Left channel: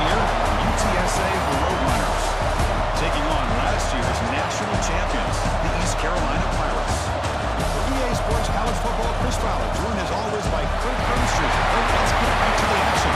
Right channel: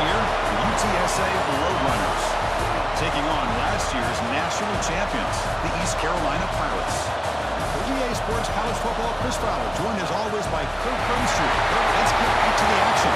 year, the UTSA Roadrunners. Taking on last year's national champions, the East Carolina Pirates. For EA Sports College Football, Chris Fowler, joined as always by Kirk Herbstreit. Kirk, let's get right to the action.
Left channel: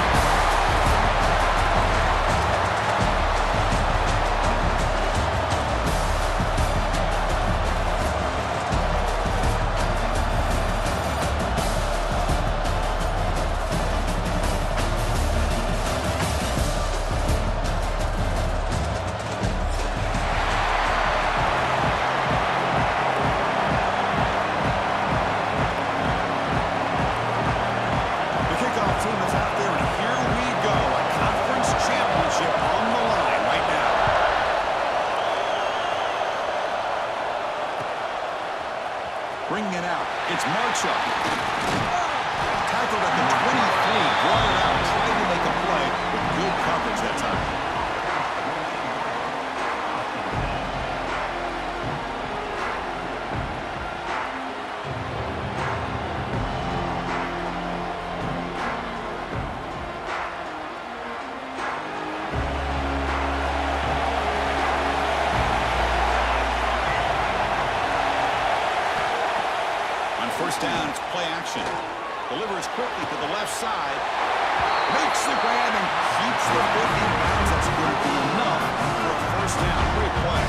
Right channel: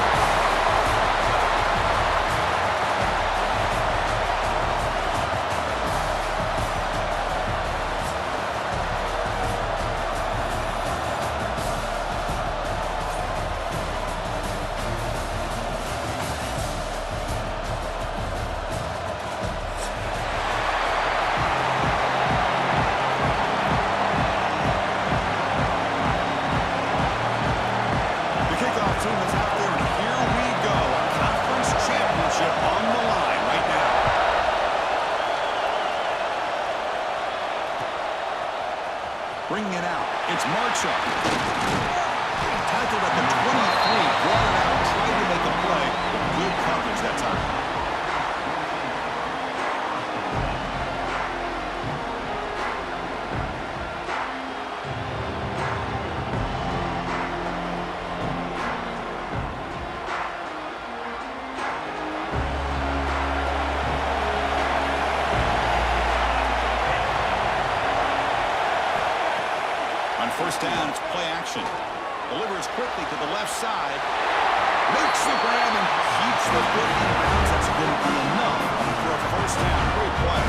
Team is out there, and here we go. A conference championship on the line right now. Bringing it out. It's Marchuk. Tackled at the 23, brought it out, tried to make a play, but good coverage that time. On first down, it's play action. Delivers quickly to the left side. Makes the grab and keeps the foot in bounds. That's going to be enough for a first down. Great play.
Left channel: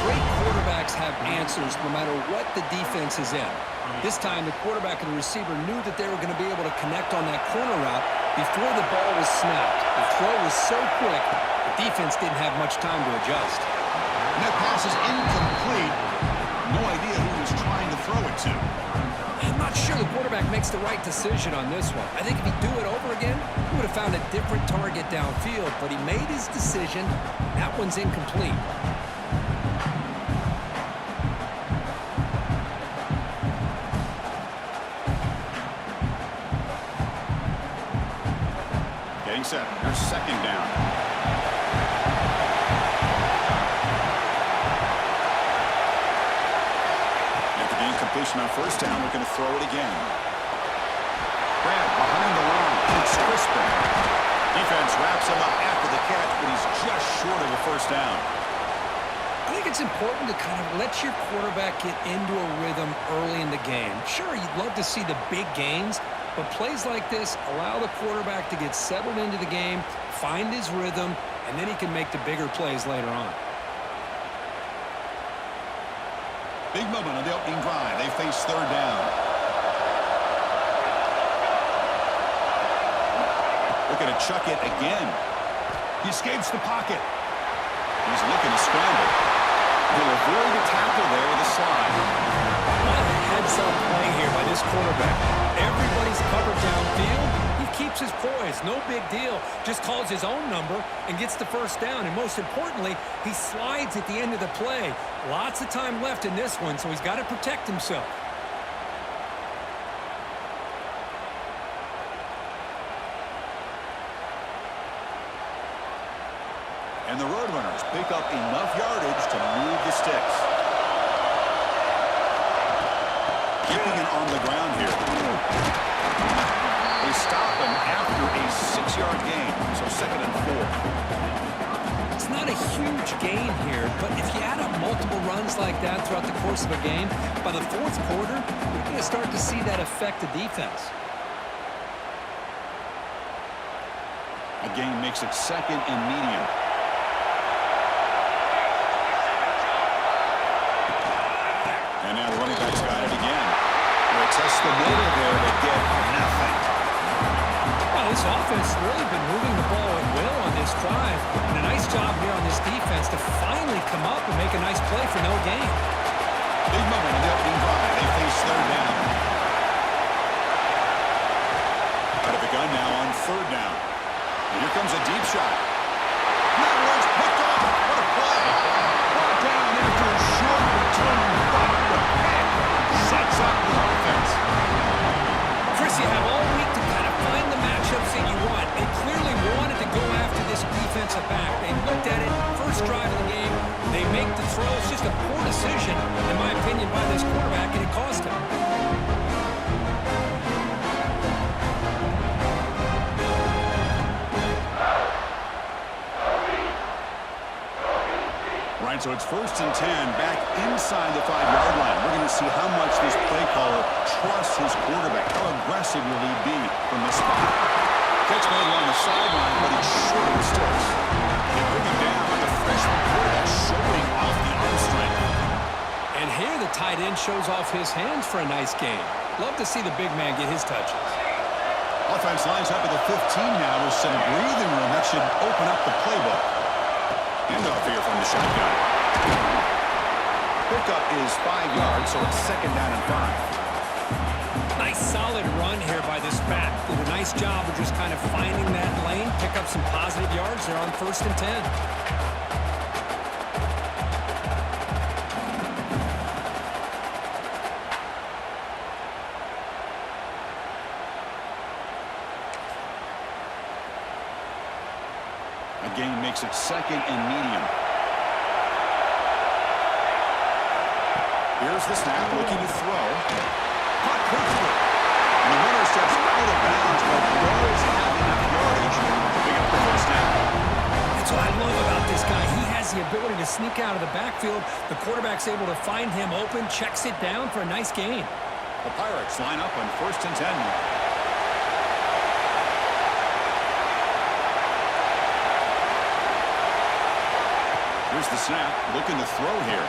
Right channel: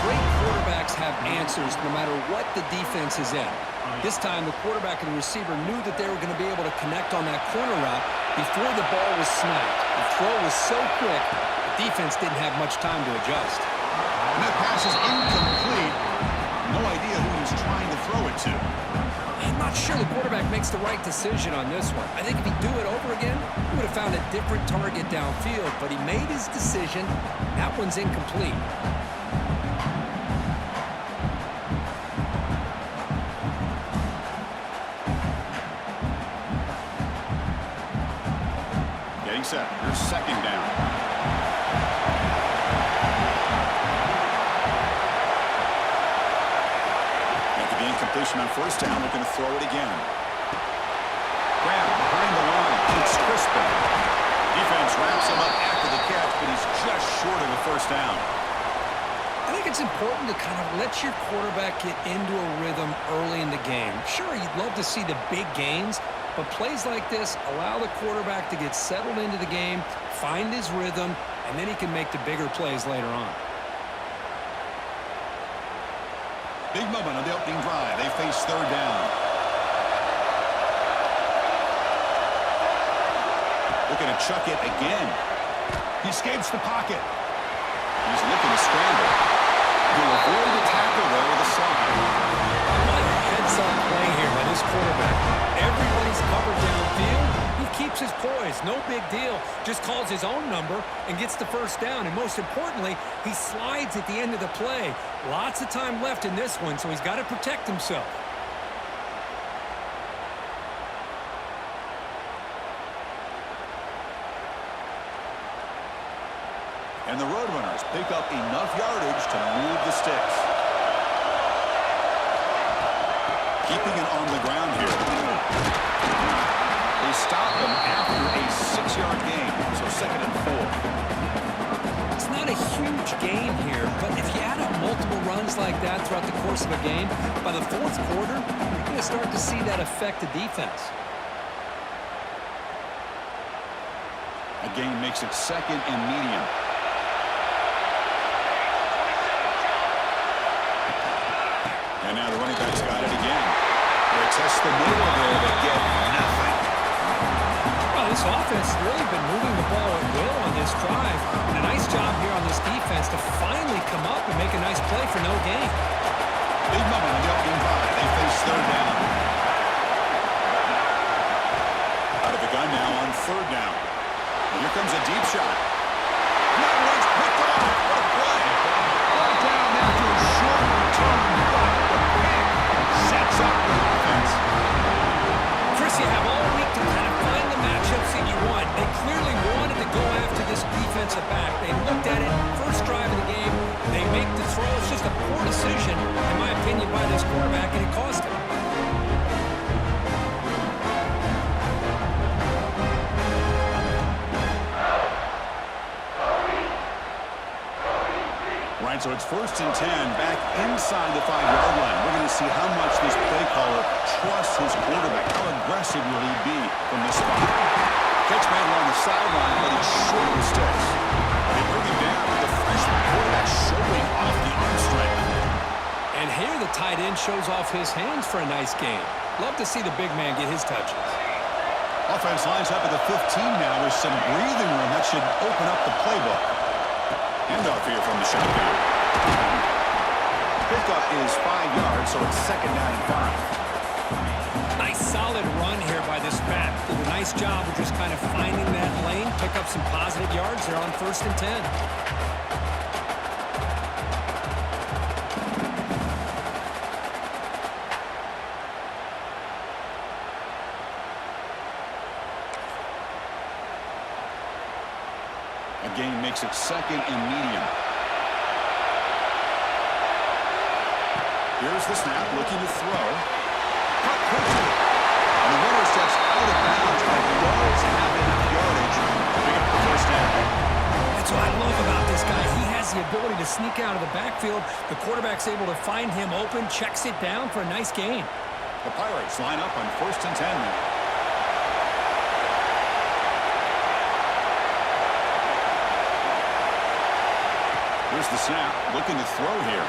Great quarterbacks have answers no matter what the defense is in. This time, the quarterback and the receiver knew that they were going to be able to connect on that corner route before the ball was snapped. The throw was so quick, the defense didn't have much time to adjust. And that pass is incomplete. No idea who he was trying to throw it to. I'm not sure the quarterback makes the right decision on this one. I think if he'd do it over again, he would have found a different target downfield, but he made his decision. That one's incomplete. Getting set. Here's second down. Incompletion on first down, looking to throw it again. Grab behind the line. It's Crispin. Defense wraps him up after the catch, but he's just short of a first down. I think it's important to kind of let your quarterback get into a rhythm early in the game. Sure, you'd love to see the big gains, but plays like this allow the quarterback to get settled into the game, find his rhythm, and then he can make the bigger plays later on. Big moment on the opening drive. They face third down. Looking to chuck it again. He escapes the pocket. He's looking to scramble. He'll avoid the tackle there with a slide. What a heads-up play here by this quarterback. Everybody's covered downfield. He keeps his poise. No big deal. Just calls his own number and gets the first down. And most importantly, he slides at the end of the play. Lots of time left in this one, so he's got to protect himself. And the Roadrunners pick up enough yardage to move the sticks. Keeping it on the ground here. They stop him after a 6-yard gain, so 2nd and 4. It's not a huge gain here, but if you add up multiple runs like that throughout the course of a game, by the fourth quarter, you're going to start to see that affect the defense. A gain makes it 2nd and medium. And now the running back's got it again. They test the middle there, but get nothing. Well, this offense has really been moving the ball at will on this drive. And a nice job here on this defense to finally come up and make a nice play for no gain. Big moment on the opening drive. They face third down. Out of the gun now on third down. And here comes a deep shot. That one's picked off. What a play. Brought down after a short return, but the pick sets up the offense. Chris, you have all week to kind of find the matchups that you want. They clearly wanted to go after this defensive back. They looked at it, first drive of the game. They make the throw. It's just a poor decision, in my opinion, by this quarterback, and it cost him. All right, so it's 1st and 10 back inside the 5-yard line. We're going to see how much this play caller trusts his quarterback. How aggressive will he be from this spot? Catch made along the sideline, but he's short of the sticks. They bring him down with the freshman quarterback showing off the arm strength. And here the tight end shows off his hands for a nice game. Love to see the big man get his touches. Offense lines up at the 15 now with some breathing room. That should open up the playbook. Handoff here from the shotgun. Pickup is 5 yards, so it's 2nd down and 5. Nice solid run here by this back. Did a nice job of just kind of finding that lane, pick up some positive yards. They're on 1st and 10. A gain makes it 2nd and medium. Here's the snap, looking to throw. Caught quickly. And the runner steps out of bounds, but does have enough yardage to pick up the 1st down. That's what I love about this guy. He has the ability to sneak out of the backfield. The quarterback's able to find him open, checks it down for a nice gain. The Pirates line up on 1st and 10 now. Here's the snap, looking to throw here.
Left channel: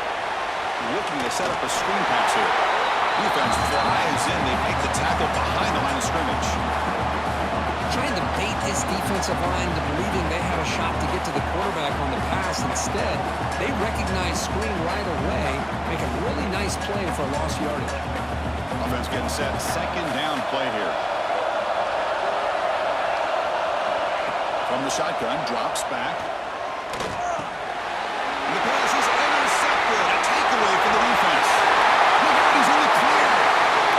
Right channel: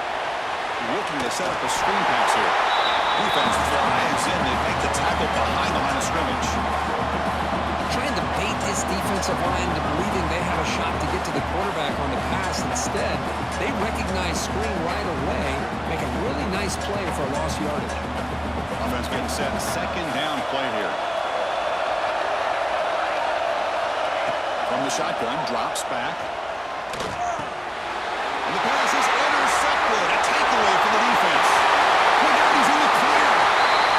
Looking to set up a screen pass here. Defense flies in. They make the tackle behind the line of scrimmage. Trying to bait this defensive line to believing they had a shot to get to the quarterback on the pass. Instead, they recognize screen right away, make a really nice play for lost yardage. Offense getting set. 2nd down play here. From the shotgun, drops back. And the pass is intercepted. A takeaway for the defense. Look out, he's in the clear.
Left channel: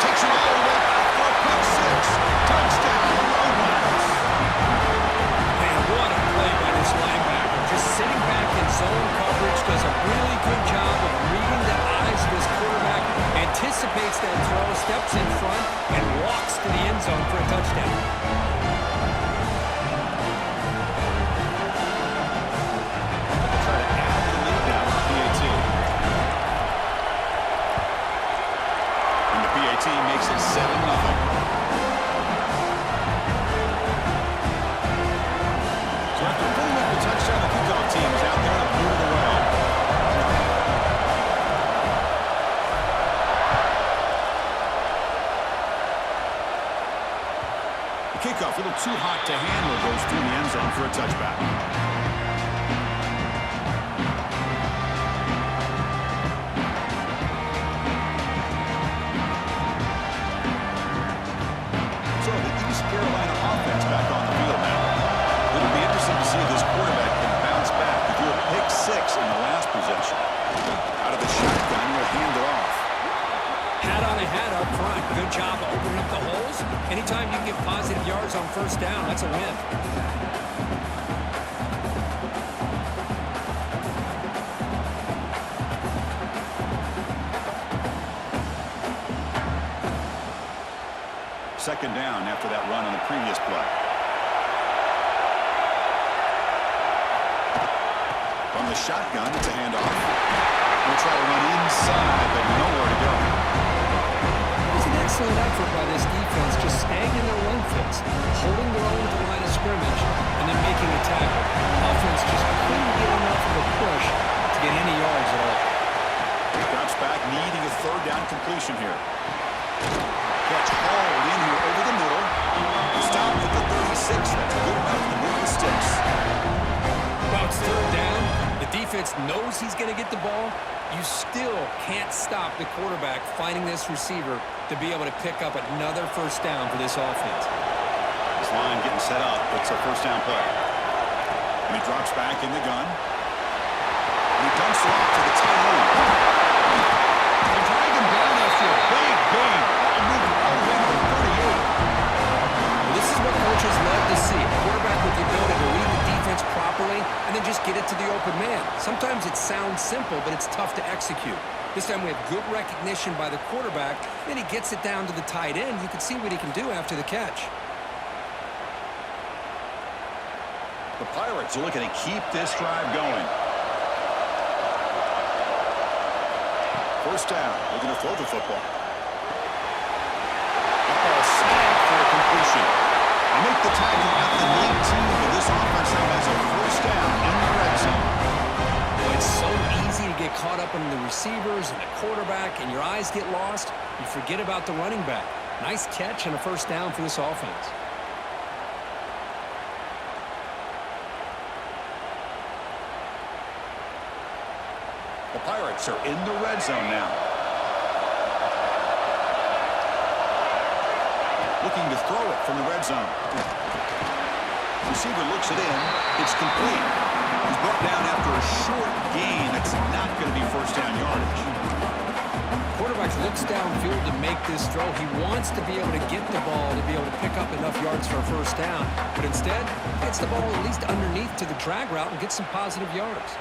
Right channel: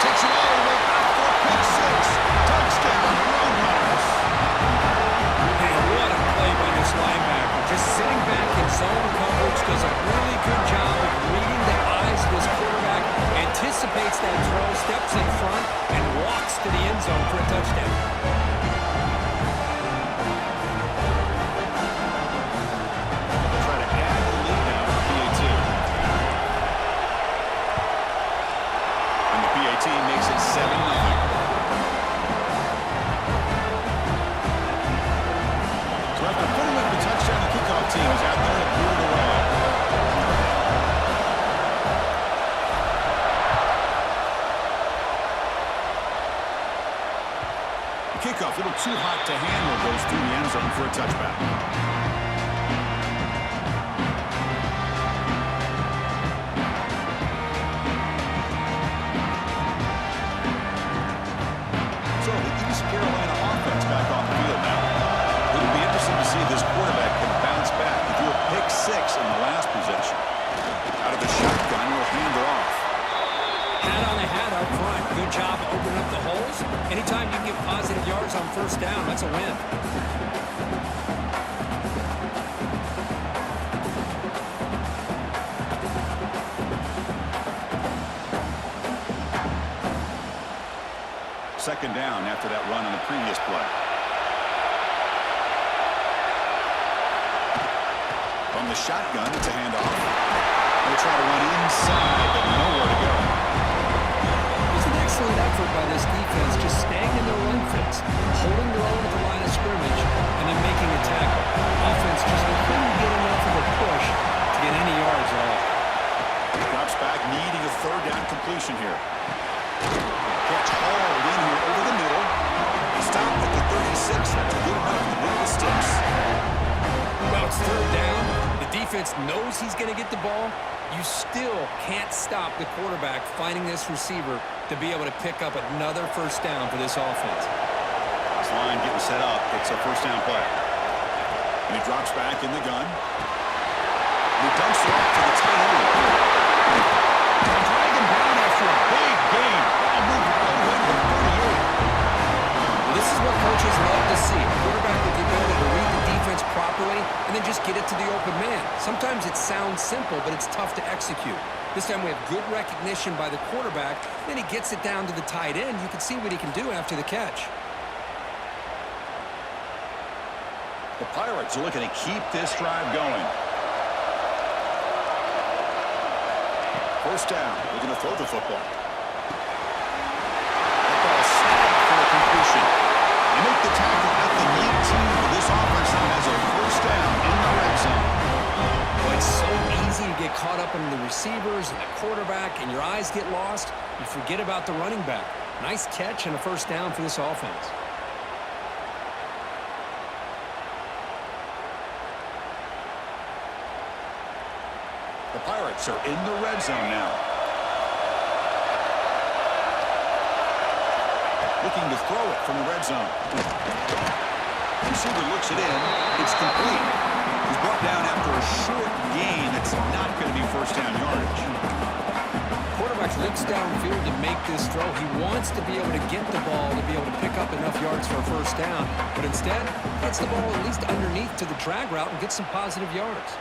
Takes it all the way back for a pick 6. Touchdown, Roadrunners. Man, what a play by this linebacker. Just sitting back in zone coverage, does a really good job of reading the eyes of his quarterback, anticipates that throw, steps in front, and walks to the end zone for a touchdown. Makes it 7-0. So after putting up the touchdown, the kickoff team is out there to boot it away. The kickoff, a little too hot to handle, goes through the end zone for a touchback. Carolina offense back on the field now. It'll be interesting to see if this quarterback can bounce back. He threw a pick 6 in the last possession. Out of the shotgun, he'll hand it off. Hat on a hat up front. Good job opening up the holes. Anytime you can get positive yards on 1st down, that's a win. Second down after that run on the previous play. From the shotgun, it's a handoff. They'll try to run inside, but nowhere to go. It was an excellent effort by this defense, just staying in their run fits, holding their own at the line of scrimmage, and then making a tackle. Offense just couldn't get enough of a push to get any yards at all. Drops back, needing a 3rd down completion here. Catch hauled in here over the middle. Stop at the 36. That's good enough to move the sticks. Well, it's 3rd down. The defense knows he's going to get the ball. You still can't stop the quarterback finding this receiver to be able to pick up another 1st down for this offense. This line getting set up. It's a 1st down play. And he drops back in the gun. And he dumps it off to the tight end. They drag him down after a big gain. Ball moved all the way to the 38. Well, this is what coaches love to see. A quarterback with the ability to read the defense properly and then just get it to the open man. Sometimes it sounds simple, but it's tough to execute. This time we have good recognition by the quarterback. Then he gets it down to the tight end. You can see what he can do after the catch. The Pirates are looking to keep this drive going. First down. Looking to throw the football. That ball snagged for a completion. They make the tackle at the 19, but this offense now has a first down in the red zone. Well, it's so easy to get caught up in the receivers and the quarterback, and your eyes get lost. You forget about the running back. Nice catch and a first down for this offense. The Pirates are in the red zone now. Looking to throw it from the red zone. Receiver looks it in. It's complete. He's brought down after a short gain. It's not going to be first down yardage. Quarterback looks downfield to make this throw. He wants to be able to get the ball to be able to pick up enough yards for a first down. But instead, gets the ball at least underneath to the drag route and gets some positive yards.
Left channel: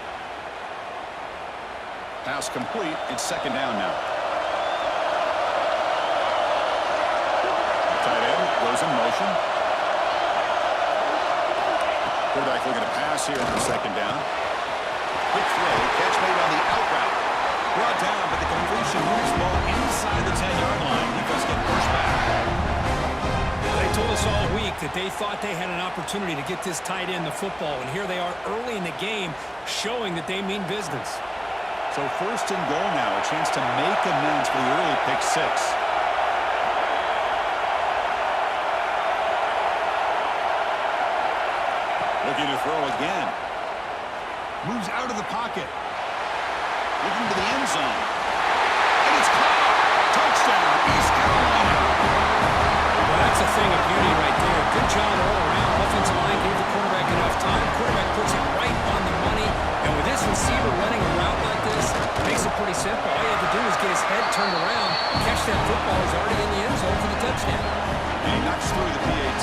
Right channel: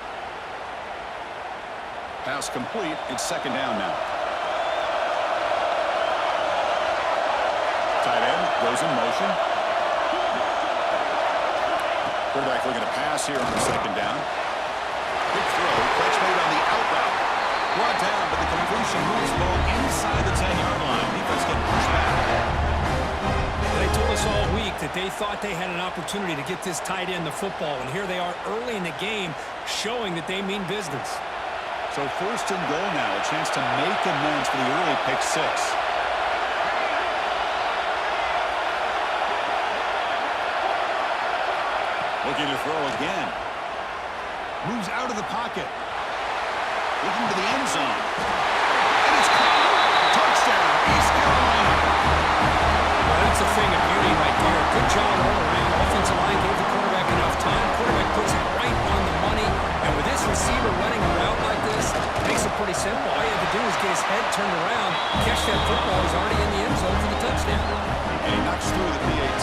Pass complete. It's second down now. Tight end goes in motion. Quarterback looking to pass here on second down. Quick throw. Catch made on the out route. Brought down, but the completion moves the ball inside the 10-yard line. Defense getting pushed back. They told us all week that they thought they had an opportunity to get this tight end the football, and here they are early in the game showing that they mean business. So first and goal now, a chance to make amends for the early pick six. Looking to throw again. Moves out of the pocket. Looking to the end zone. And it's caught. Touchdown, East Carolina. Well, that's a thing of beauty right there. Good job all around. Offensive line gave the quarterback enough time. Quarterback puts it right on the money. And with this receiver running a route like this, it makes it pretty simple. All you have to do is get his head turned around, catch that football. He's already in the end zone for the touchdown. And he knocks through the PAT.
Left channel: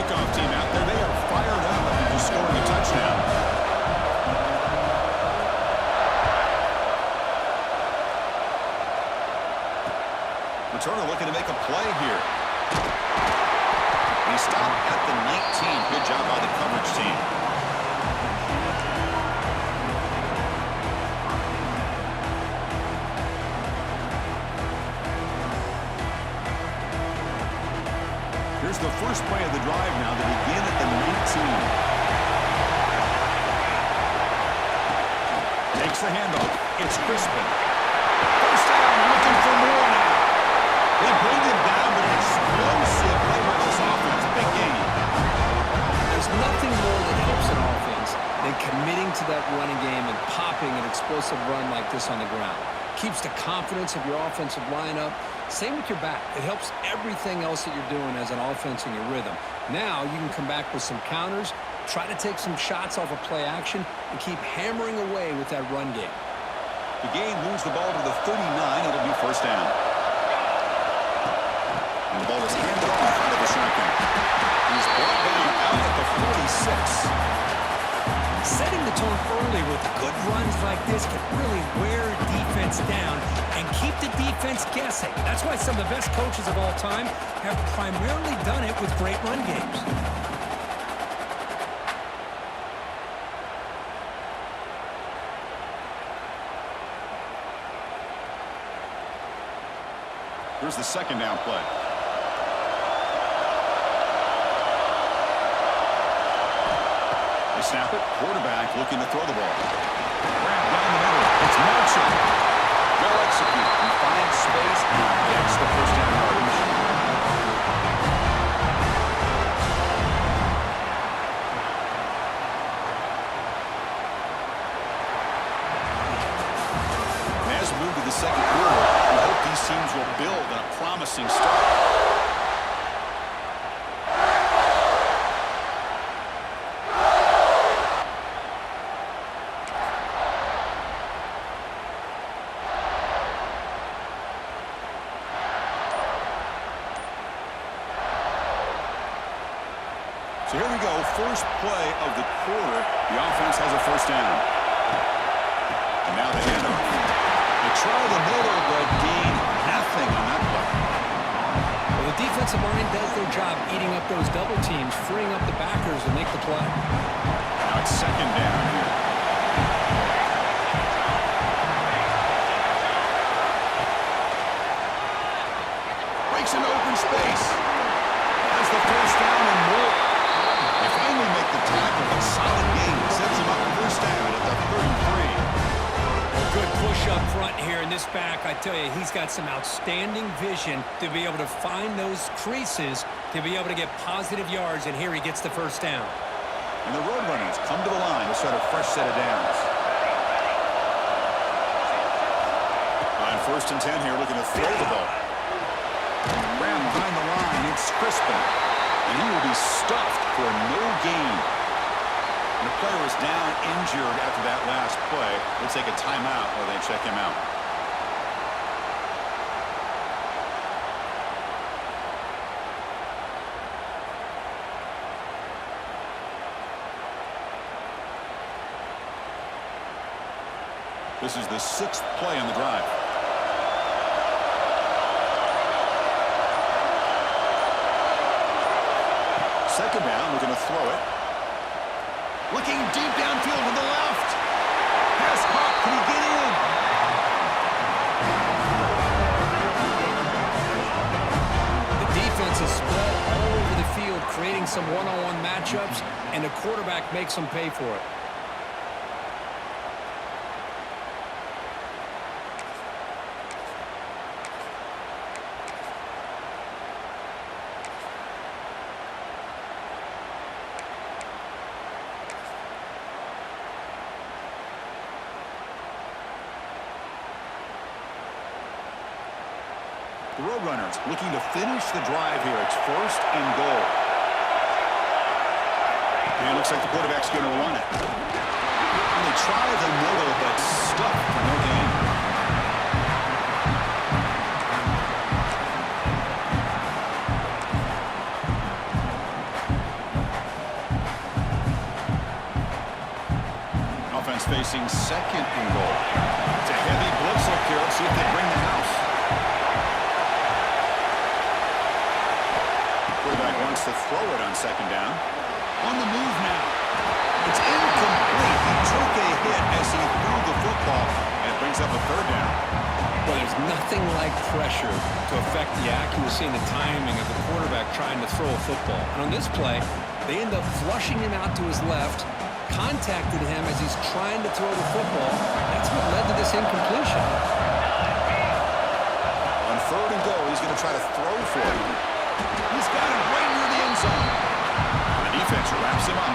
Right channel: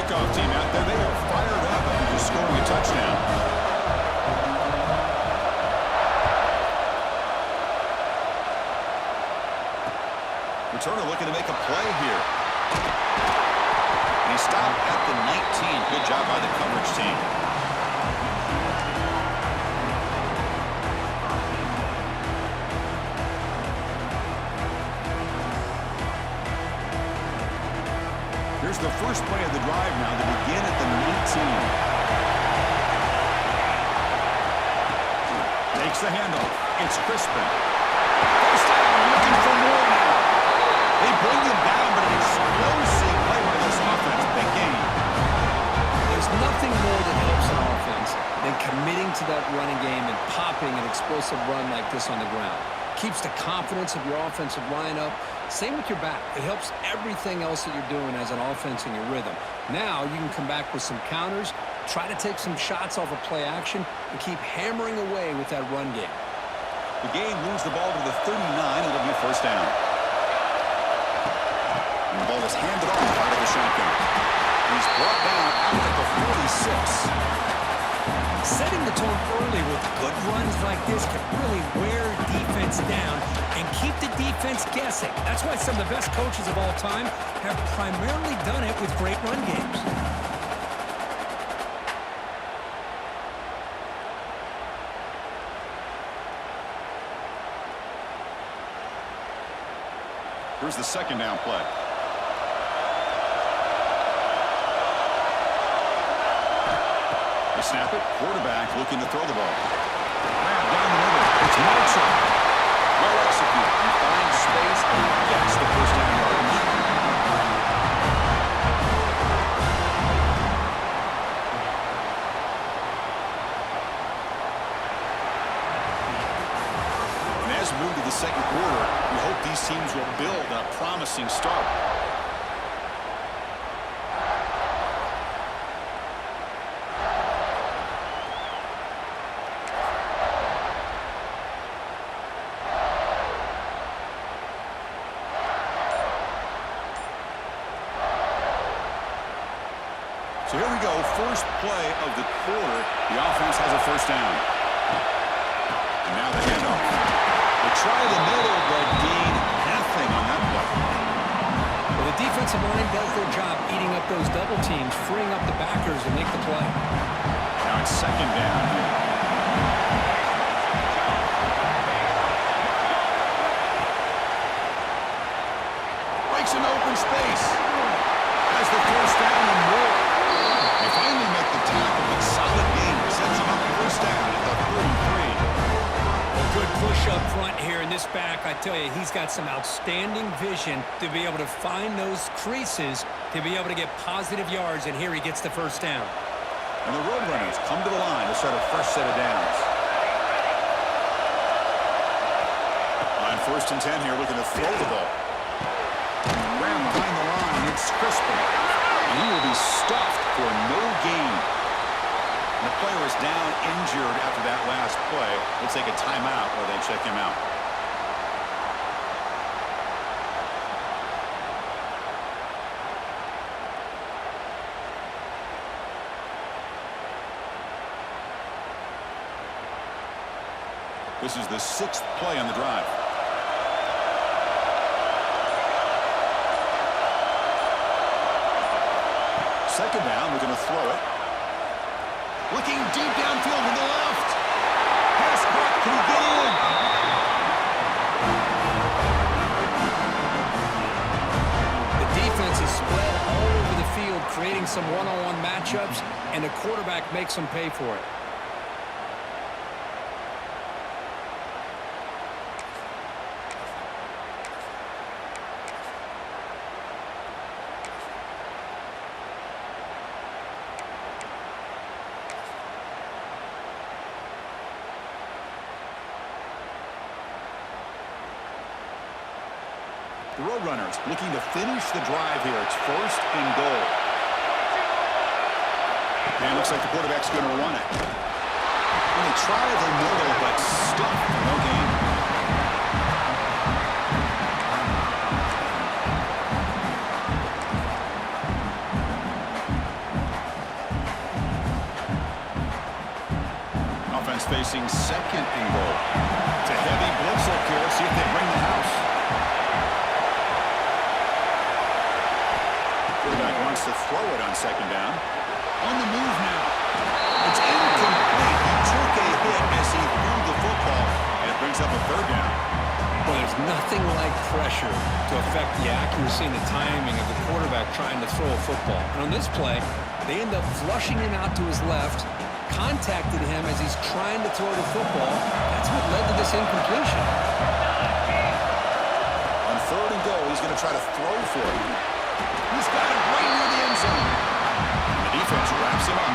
Kickoff team out there. They are fired up after just scoring a touchdown. Returner looking to make a play here. And he stopped at the 19. Good job by the coverage team. Here's the first play of the drive now to begin at the 19. Takes the handoff. It's Crispin. First down, looking for more now. They bring him down, but an explosive play by this offense. Big game. There's nothing more that helps an offense than committing to that running game and popping an explosive run like this on the ground. Keeps the confidence of your offensive lineup. Same with your back. It helps everything else that you're doing as an offense in your rhythm. Now you can come back with some counters, try to take some shots off of play action, and keep hammering away with that run game. The game moves the ball to the 39. It'll be first down. And the ball is handed off out of the shotgun. He's brought down out at the 46. Setting the tone early with good runs like this can really wear defense down and keep the defense guessing. That's why some of the best coaches of all time have primarily done it with great run games. Here's the second down play. They snap it. Quarterback looking to throw the ball. Grab down the middle. It's Marshall. Well executed. He finds space and he gets the first down yardage. And as we move to the second quarter, we hope these teams will build on a promising start. So here we go, first play of the quarter. The offense has a first down. And now the handoff. They try the middle, but gain nothing on that play. Well, the defensive line does their job eating up those double teams, freeing up the backers to make the play. Now it's second down here. Takes an open space. Has the first down and more. They finally make the tackle, but solid gain. Sets them up first down at the 33. Well, good push up front here in this back. I tell you, he's got some outstanding vision to be able to find those creases, to be able to get positive yards, and here he gets the first down. And the Roadrunners come to the line to start a fresh set of downs. On 1st and 10 here, looking to throw the ball. Ran behind the line. It's Crispin. And he will be stuffed for no gain. And the player is down injured after that last play. We'll take a timeout while they check him out. This is the 6th play on the drive. Second down, we're going to throw it. Looking deep downfield to the left. Pass caught. Can The he get in? defense is spread all over the field, creating some one-on-one matchups, and the quarterback makes them pay for it. The Roadrunners looking to finish the drive here. It's 1st and goal. And it looks like the quarterback's going to run it. And they try the middle, but stuffed for no gain. Offense facing 2nd and goal. It's a heavy blitz look here. Let's see if they bring the house. Quarterback wants to throw it on 2nd down. On the move now. It's incomplete. He took a hit as he threw the football, and it brings up a 3rd down. Well, there's nothing like pressure to affect the accuracy and the timing of the quarterback trying to throw a football. And on this play, they end up flushing him out to his left, contacted him as he's trying to throw the football. That's what led to this incompletion. On 3rd and goal, he's going to try to throw for it. He's got it right near the end zone. And the defense wraps him up.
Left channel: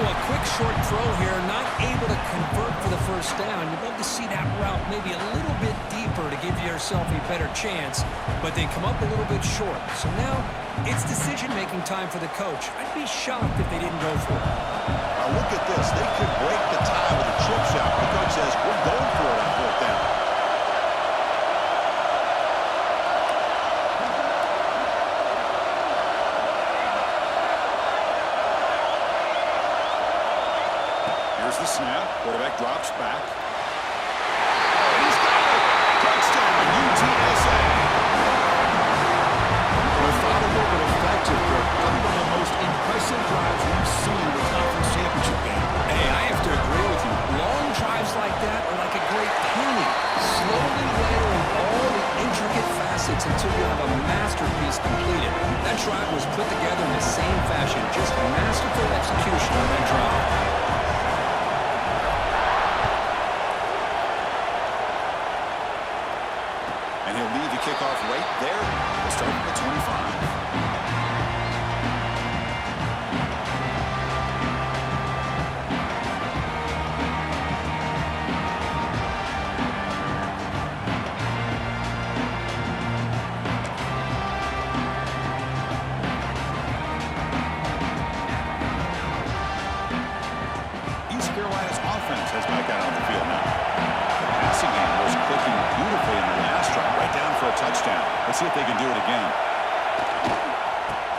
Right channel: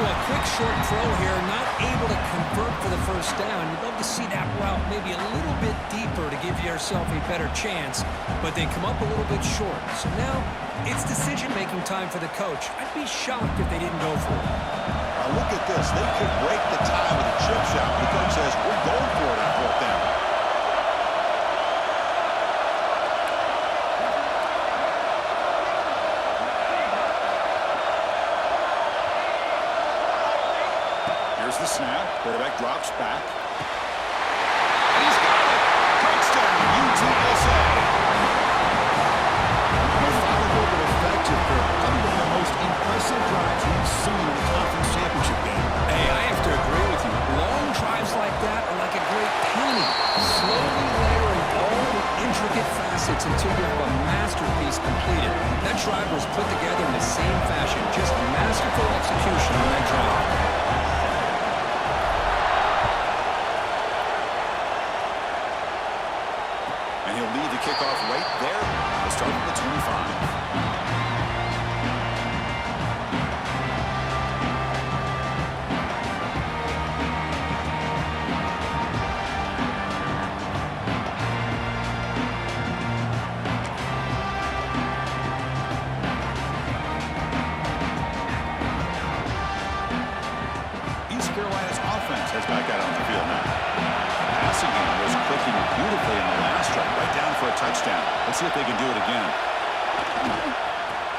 Well, a quick short throw here, not able to convert for the first down. You'd love to see that route maybe a little bit deeper to give yourself a better chance, but they come up a little bit short. So now it's decision-making time for the coach. I'd be shocked if they didn't go for it. Now look at this. They could break the tie with a chip shot. The coach says, we're going for it on 4th down. Here's the snap. Quarterback drops back. And he's got it. Touchdown, UTSA. Methodical but effective for probably one of the most impressive drives we've seen in a conference championship game. Hey, I have to agree with you. Long drives like that are like a great painting. Slowly layering all the intricate facets until you have a masterpiece completed. That drive was put together in the same fashion. Just masterful execution on that drive. And he'll lead the kickoff right there. We'll start at the 25. East Carolina's offense has back out on the field now. The passing game was clicking beautifully in the last drive, right down for a touchdown. Let's see if they can do it again.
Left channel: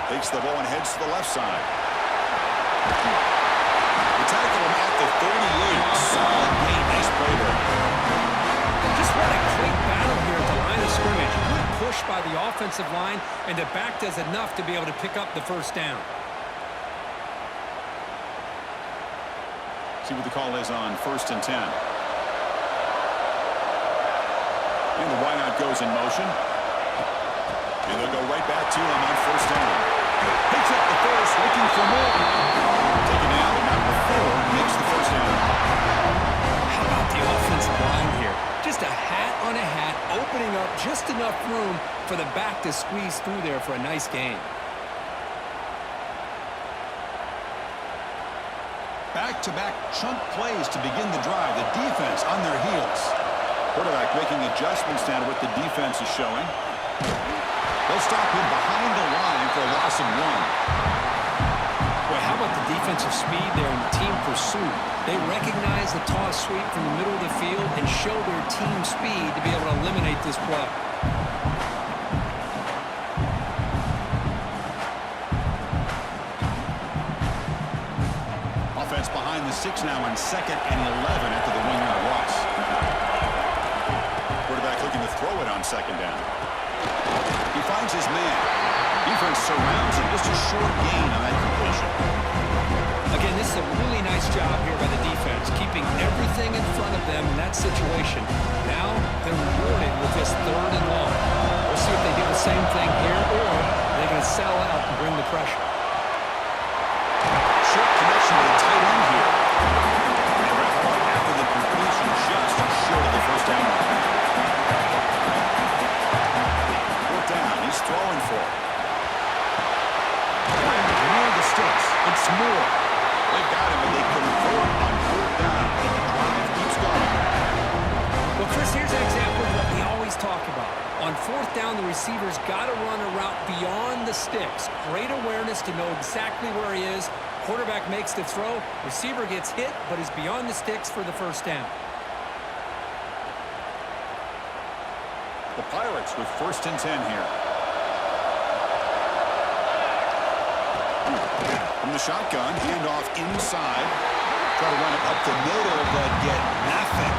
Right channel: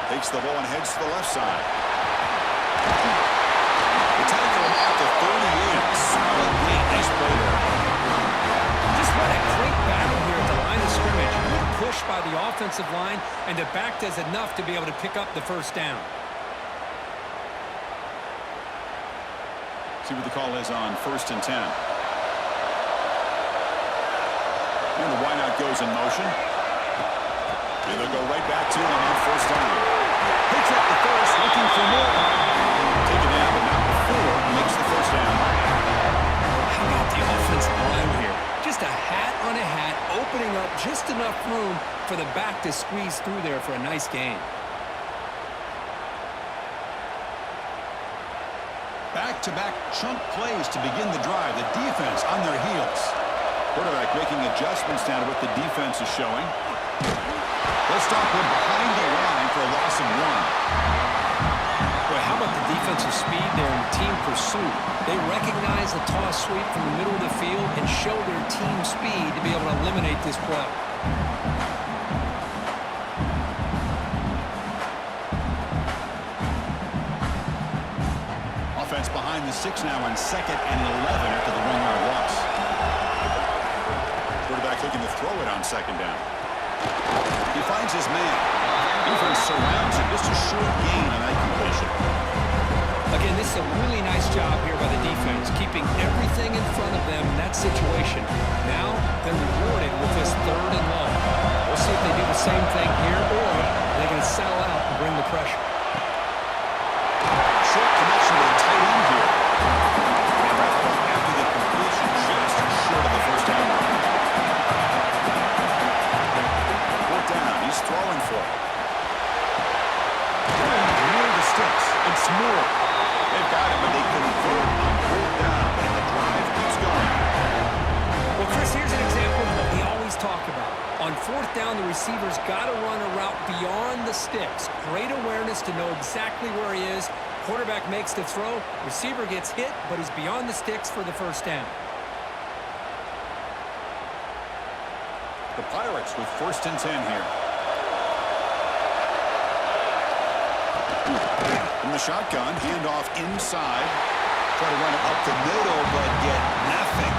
Takes the ball and heads to the left side. They tackle him at the 38. Solid gain. Nice play there. Just what a great battle here at the line of scrimmage. Good push by the offensive line, and the back does enough to be able to pick up the first down. See what the call is on 1st and 10. And the wideout goes in motion. And they'll go right back to him on first down. Picks up the first, looking for more. Taken down, but not before he makes the first down. How about the offensive line here? Just a hat on a hat, opening up just enough room for the back to squeeze through there for a nice gain. Back-to-back chunk plays to begin the drive. The defense on their heels. Quarterback making adjustments now to what the defense is showing. They'll stop him behind the line for a loss of 1. Boy, how about the defensive speed there in team pursuit? They recognize the toss sweep from the middle of the field and show their team speed to be able to eliminate this play. Offense behind the 6 now on 2nd and 11 after the 1-yard loss. Quarterback looking to throw it on 2nd down. He finds his man. Defense surrounds him. Just a short gain on that completion. Again, this is a really nice job here by the defense, keeping everything in front of them in that situation. Now they're rewarded with this 3rd and long. We'll see if they do the same thing here, or they're going to settle out and bring the pressure. Short connection to the tight end here. And wrap it up after the completion, just short of the first down line. 4th down, he's throwing for it. Near the sticks, it's Moore. They've got him, but they convert on 4th down, and the drive keeps going. Well, Chris, here's an example of what we always talk about. On 4th down, the receiver's got to run a route beyond the sticks. Great awareness to know exactly where he is. Quarterback makes the throw. Receiver gets hit, but he's beyond the sticks for the first down. The Pirates with 1st and 10 here. From the shotgun, handoff inside. Try to run it up the middle, but get nothing.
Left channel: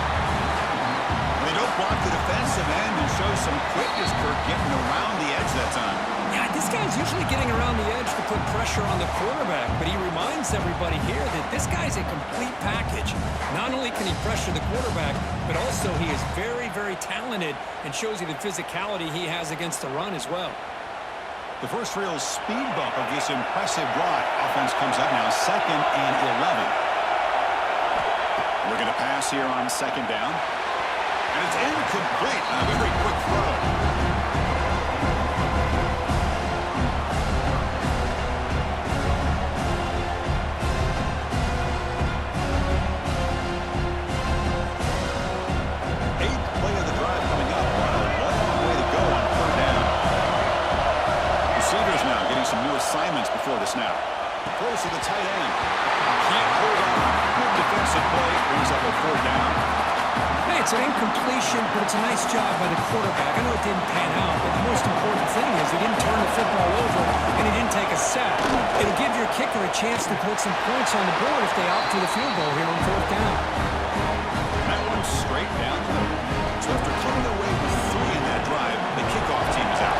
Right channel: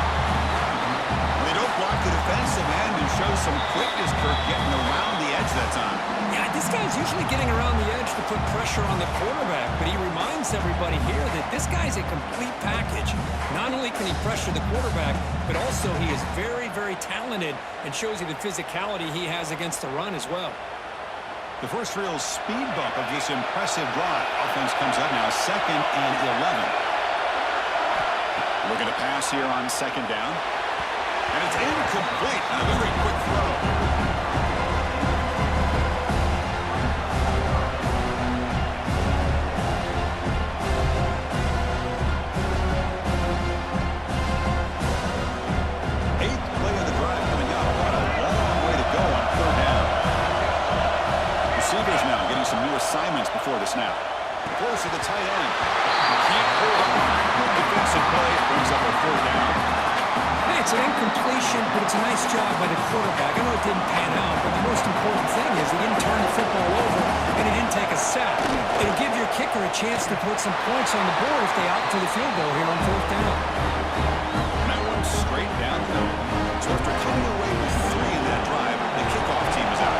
They don't block the defensive end and show some quickness, Kirk, getting around the edge that time. Yeah, this guy's usually getting around the edge to put pressure on the quarterback, but he reminds everybody here that this guy's a complete package. Not only can he pressure the quarterback, but also he is very, very talented and shows you the physicality he has against the run as well. The first real speed bump of this impressive drive. Offense comes up now 2nd and 11. Looking to pass here on 2nd down. And it's incomplete on a very quick throw. Receivers now getting some new assignments before the snap. Throws to the tight end. Can't hold on. Good defensive play. Brings up a 4th down. Hey, it's an incompletion, but it's a nice job by the quarterback. I know it didn't pan out, but the most important thing is he didn't turn the football over and he didn't take a sack. It'll give your kicker a chance to put some points on the board if they opt for the field goal here on 4th down. That one straight down the middle. So after coming away with 3 in that drive, the kickoff team is out.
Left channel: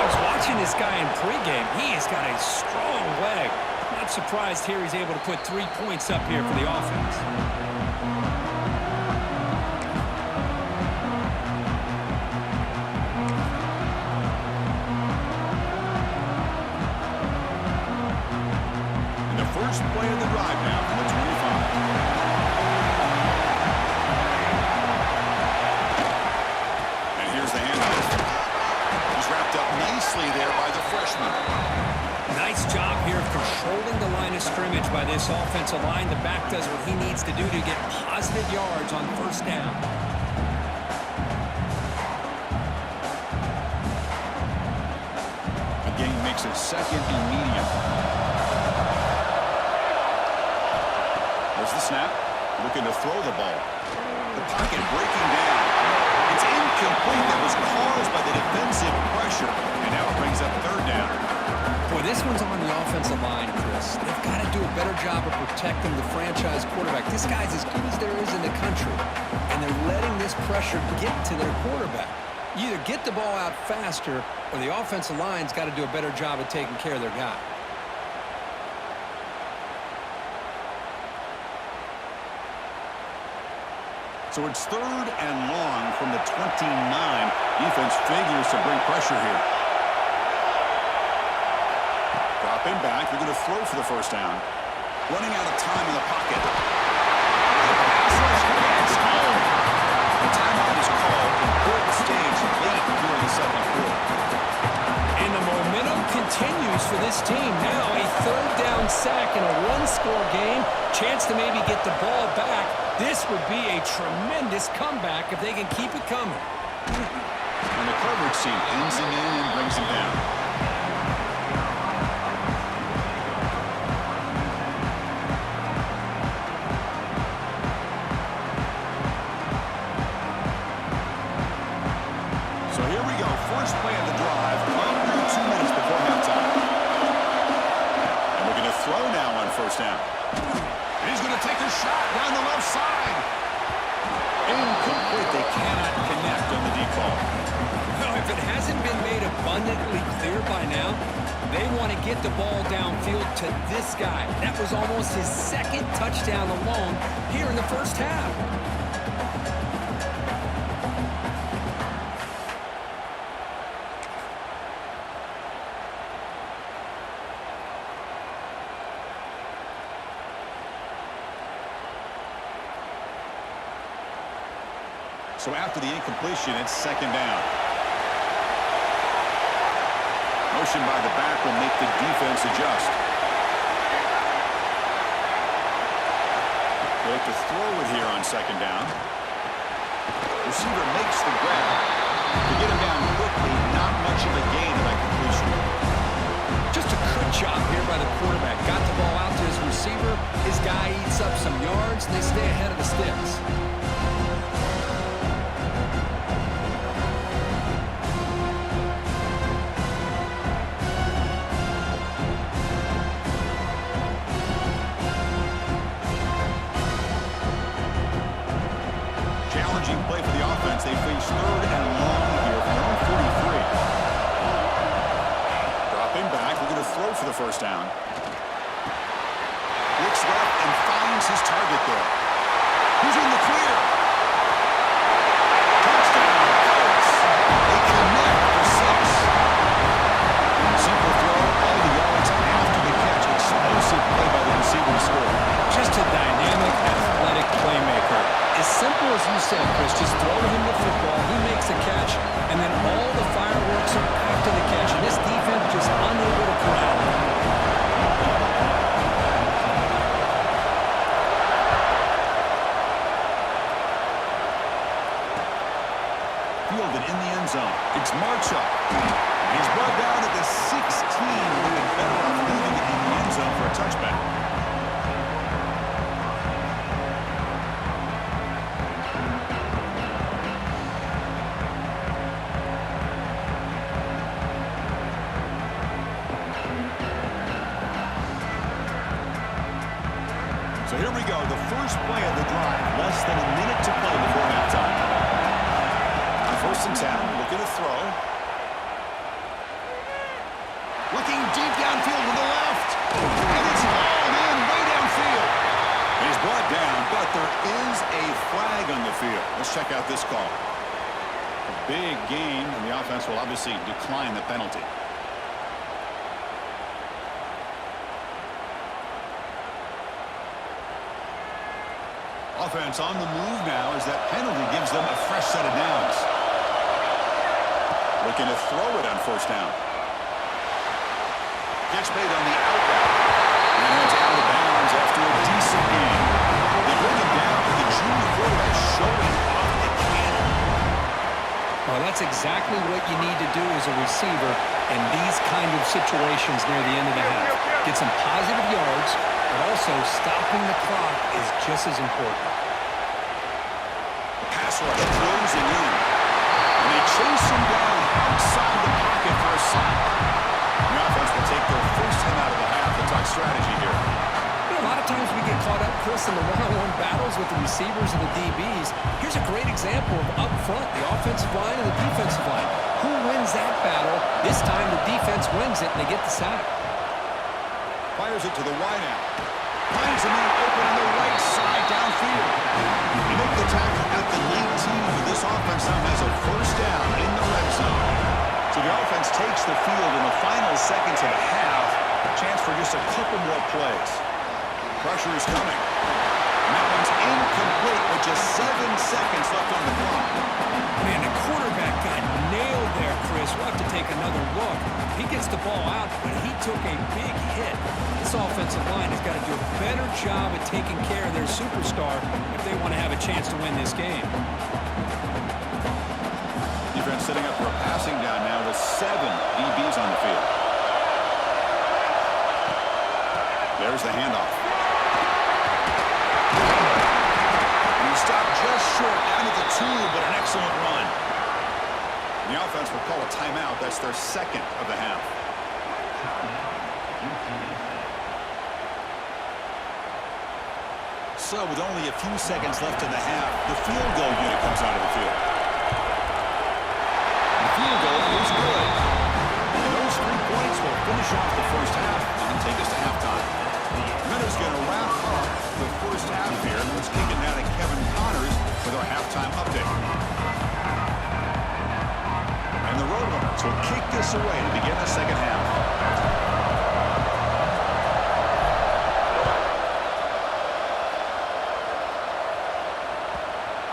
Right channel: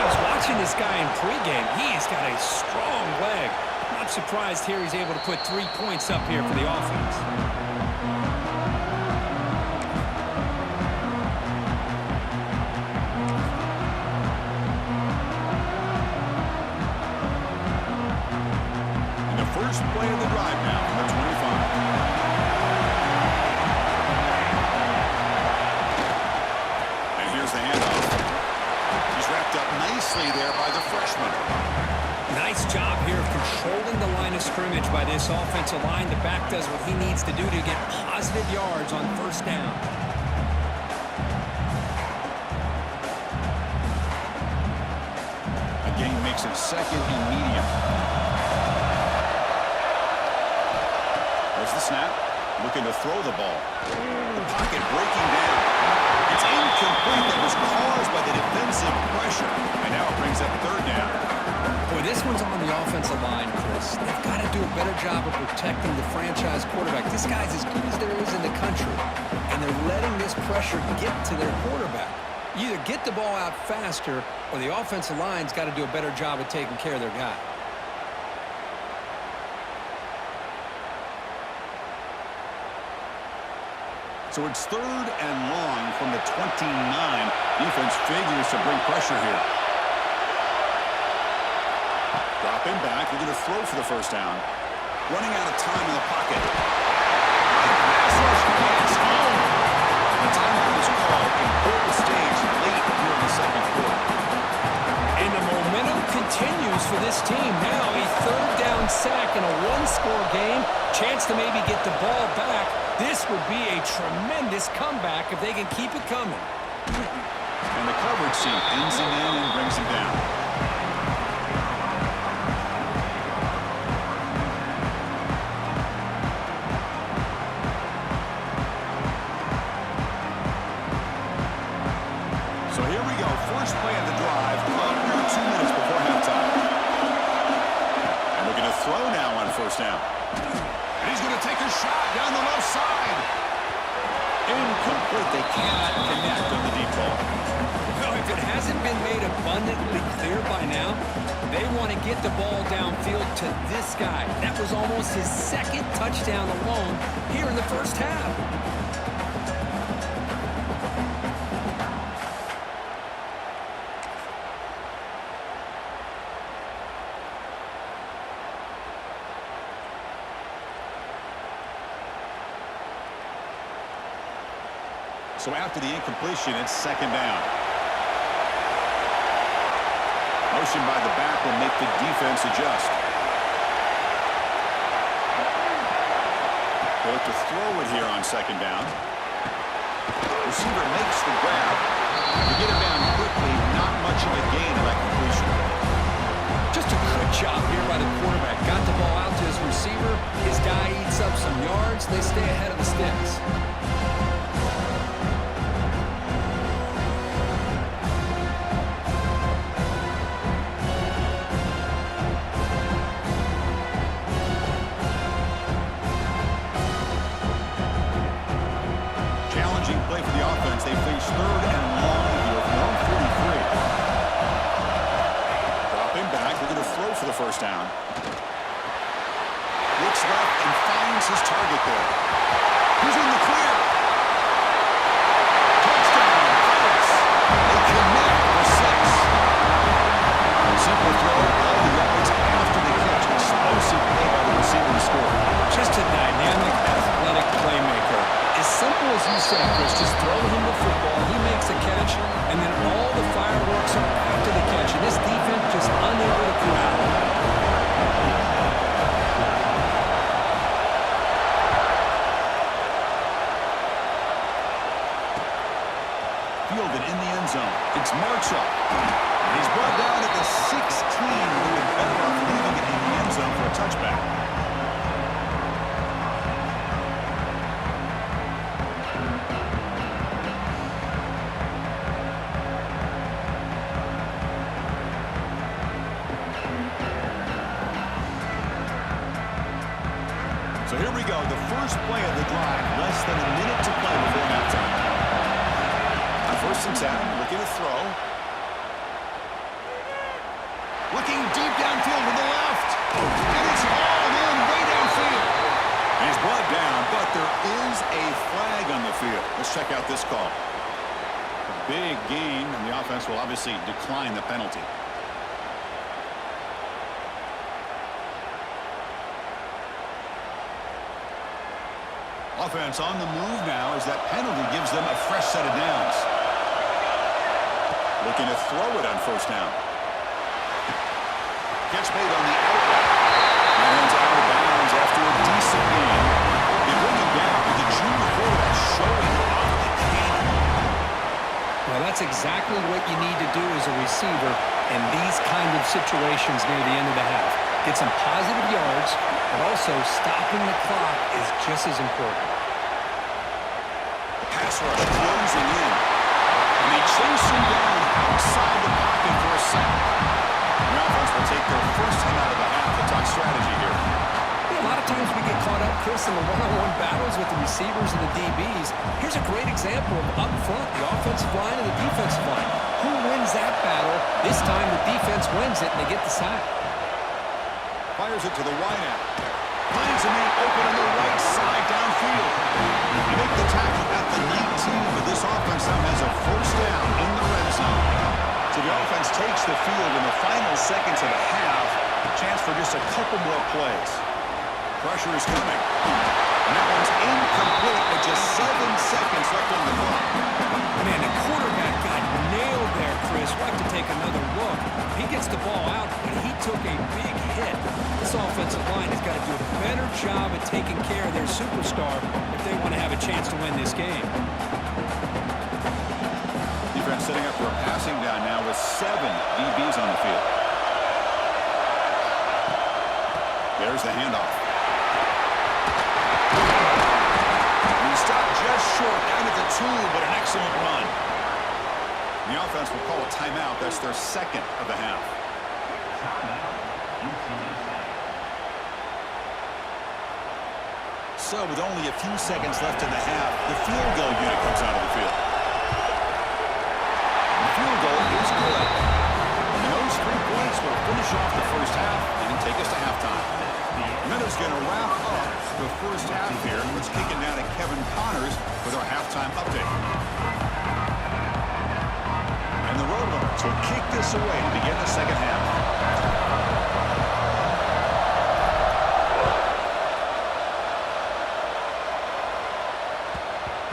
I was watching this guy in pregame. He's got a strong leg. Not surprised here he's able to put 3 points up here for the offense. And the first play of the drive now from the 25. And here's the handoff. He's wrapped up nicely there by the freshman. Nice job here of controlling the line of scrimmage by this offensive line. The back does what he needs to do to get positive yards on 1st down. A gain makes it 2nd and medium. There's the snap. Looking to throw the ball. The pocket breaking down. It's incomplete. That was caused by the defensive pressure. And now it brings up 3rd down. Boy, this one's on the offensive line, Chris. They've got to do a better job of protecting the franchise quarterback. This guy's as good as there is in the country, and they're letting this pressure get to their quarterback. You either get the ball out faster, or the offensive line's got to do a better job of taking care of their guy. So it's 3rd and long from the 29. Defense figures to bring pressure here. Dropping back. They're going to throw for the first down. Running out of time in the pocket. The pass rush gets home. The timeout is called. Important stage late here in the second quarter. And the momentum continues for this team. Now a 3rd down sack in a 1-score game. Chance to maybe get the ball back. This would be a tremendous comeback if they can keep it coming. And the coverage team pins him in and brings him down. So here we go. First play of the drive. Under 2 minutes before halftime. And we're going to throw now on first down. And he's going to take a shot down the left side. Incomplete. They cannot connect on the deep ball. Well, if it hasn't been made abundantly clear by now, they want to get the ball downfield to this guy. That was almost his 2nd touchdown alone here in the first half. So after the incompletion, it's 2nd down. Motion by the back will make the defense adjust. They look to throw it here on 2nd down. Receiver makes the grab. To get him down quickly, not much of a gain of that completion. Just a good job here by the quarterback. Got the ball out to his receiver. His guy eats up some yards, and they stay ahead of the sticks. Challenging play for the offense. They face 3rd and long here from their own 43. Dropping back. They're going to throw for the first down. Looks left and finds his target there. Who's in the clear? Touchdown, Pirates. They connect for 6. Simple throw, all the yards after the catch. Explosive play by the receiver to score. Just a dynamic, athletic playmaker. As simple as you said, Chris, just throw him the football, he makes a catch, and then all the fireworks are after the catch, and this defense just unable to corral him. Fielded in the end zone. It's Marchuk. He's brought down at the 16. Would have been better off leaving it in the end zone for a touchback. So here we go, the first play of the drive, less than a minute to play before halftime. On 1st and 10, looking to throw. Looking deep downfield to the left. And it's hauled in way downfield. He's brought down, but there is a flag on the field. Let's check out this call. A big gain, and the offense will obviously decline the penalty. Offense on the move now as that penalty gives them a fresh set of downs. Looking to throw it on first down. Catch made on the out route. And it's out of bounds after a decent gain. They bring him down with the junior quarterback showing off the cannon. Well, that's exactly what you need to do as a receiver in these kind of situations near the end of the half. Get some positive yards, but also stopping the clock is just as important. The pass rush closing in. And they chase him down outside the pocket for a sack. The offense will take their first time out of the half to talk strategy here. A lot of times we get caught up, Chris, in the one-on-one battles with the receivers and the DBs. Here's a great example of up front, the offensive line and the defensive line. Who wins that battle? This time the defense wins it, and they get the sack. Fires it to the wideout. Finds a man open on the right side downfield. They make the tackle at the 19, but this offense now has a first down in the red zone. So the offense takes the field in the final seconds of the half. Chance for just a couple more plays. Pressure is coming. And that one's incomplete with just 7 seconds left on the clock. Man, the quarterback got nailed there, Chris. We'll have to take another look. He gets the ball out, but he took a big hit. This offensive line has got to do a better job at taking care of their superstar if they want to have a chance to win this game. Defense setting up for a passing down now with 7 DBs on the field. There's the handoff. And he stopped just short down at the 2, but an excellent run. The offense will call a timeout. That's their second of the half. So with only a few seconds left in the half, the field goal unit comes out of the field. The field goal is good. And those 3 points will finish off the first half and take us to halftime. Minutes going to wrap up the first half here. Let's kick it now to Kevin Connors with our halftime update. And the Roadrunners will kick this away to begin the second half.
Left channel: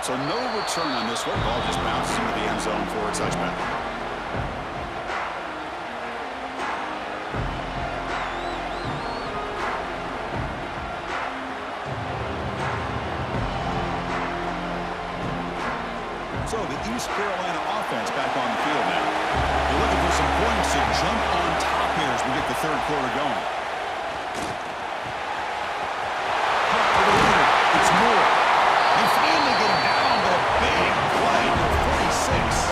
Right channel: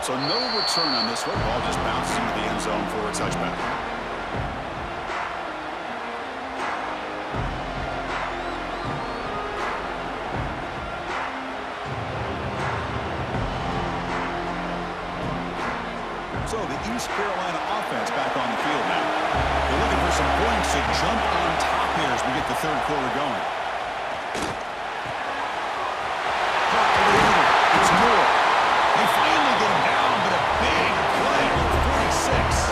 So no return on this one. Ball just bounces into the end zone for a touchback. So the East Carolina offense back on the field now. They're looking for some points to jump on top here as we get the third quarter going. Caught over the middle. It's Moore. They finally get him down, but a big play for 46.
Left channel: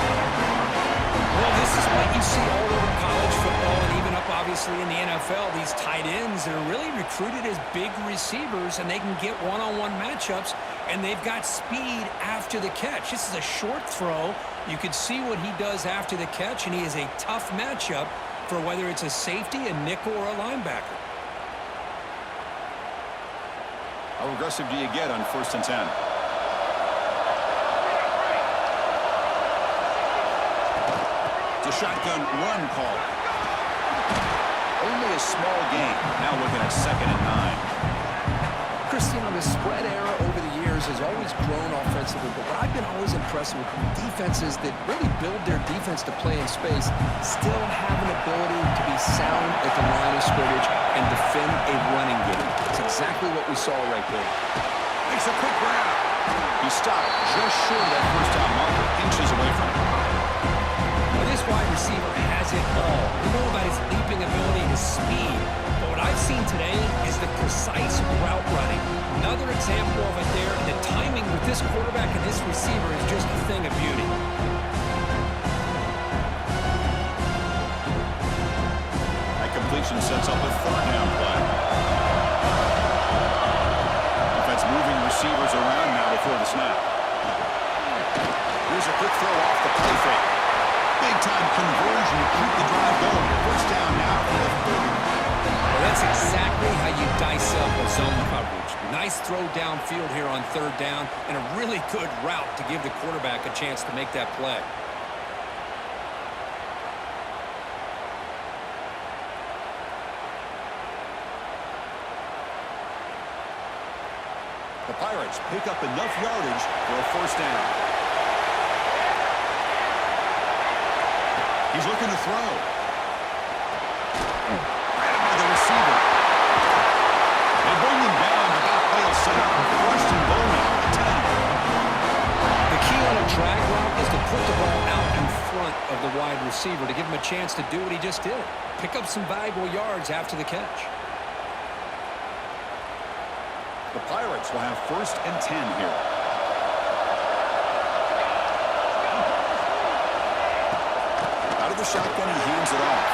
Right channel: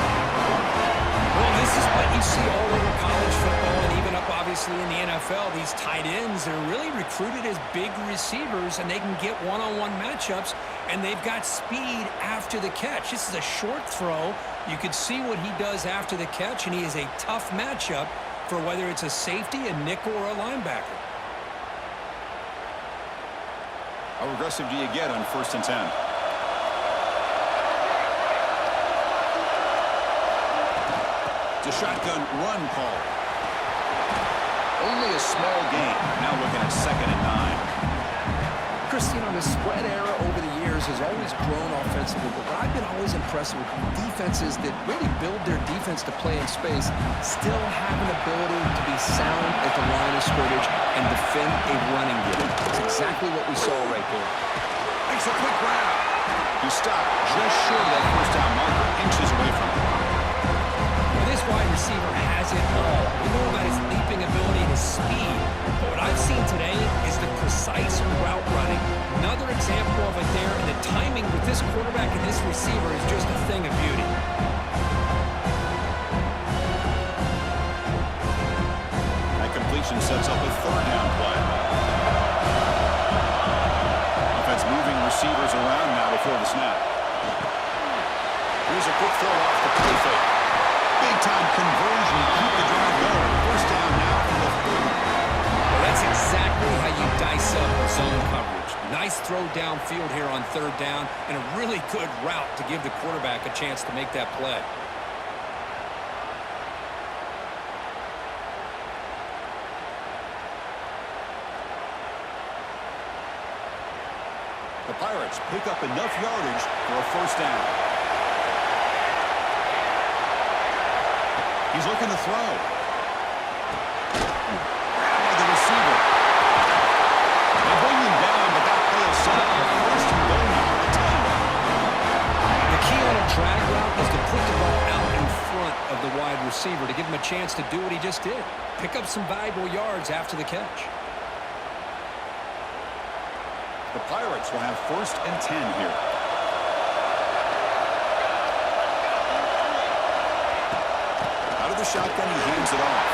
Well, this is what you see all over college football and even up, obviously, in the NFL. These tight ends that are really recruited as big receivers, and they can get one-on-one matchups, and they've got speed after the catch. This is a short throw. You could see what he does after the catch, and he is a tough matchup for whether it's a safety, a nickel, or a linebacker. How aggressive do you get on 1st and 10? It's a shotgun run call. Only a small gain. Now looking at 2nd and 9. Chris, you know, the spread era over the years has always grown offensively, but what I've been always impressed with defenses that really build their defense to play in space still have an ability to be sound at the line of scrimmage and defend a running game. It's exactly what we saw right there. Makes a quick grab. He stopped just short of that first down marker, inches away from it. Well, this wide receiver has it all. We know about his leaping ability and his speed, but what I've seen today is the precise route running. Another example of it there, and the timing with this quarterback and this receiver is just a thing of beauty. That completion sets up a 3rd down play. Offense moving receivers around now before the snap. Here's a quick throw off the play fake. Big-time conversion to keep the drive going. First down now for the 30. Well, that's exactly how you dice up a zone coverage. Nice throw downfield here on 3rd down, and a really good route to give the quarterback a chance to make that play. The Pirates pick up enough yardage for a first down. He's looking to throw. Grabbed by the receiver. They bring him down, but that play will set up a 1st and goal now at the 10. The key on a drag route is to put the ball out in front of the wide receiver to give him a chance to do what he just did. Pick up some valuable yards after the catch. The Pirates will have 1st and 10 here. Out of the shotgun, he hands it off.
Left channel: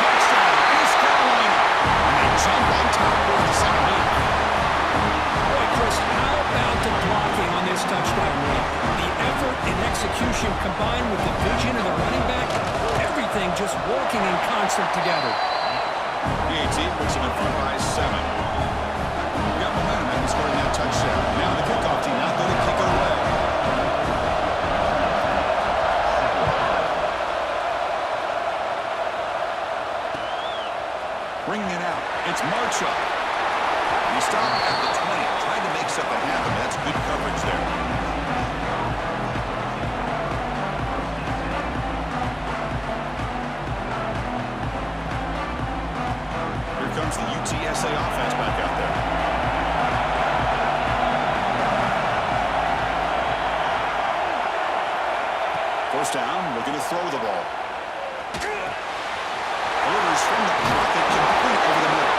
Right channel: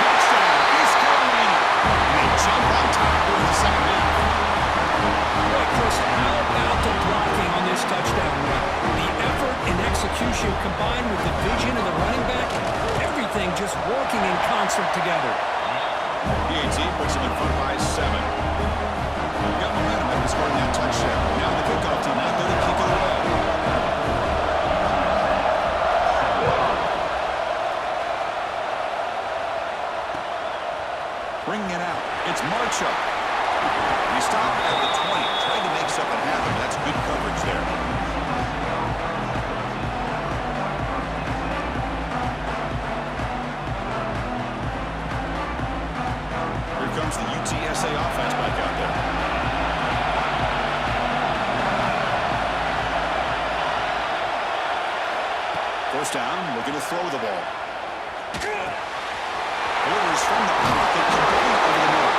Touchdown, East Carolina. And they jump on top here in the second half. Boy, Chris, how about the blocking on this touchdown run? The effort and execution combined with the vision of the running back, everything just working in concert together. PAT puts him in front by 7. You got momentum after scoring that touchdown. Now the kickoff team out there to kick it away. Bringing it out. It's Marchuk. He stopped at the 20. Tried to make something happen. That's good coverage there. Here comes the UTSA offense back out there. First down, looking to throw the ball. Delivers from the pocket, complete over the middle.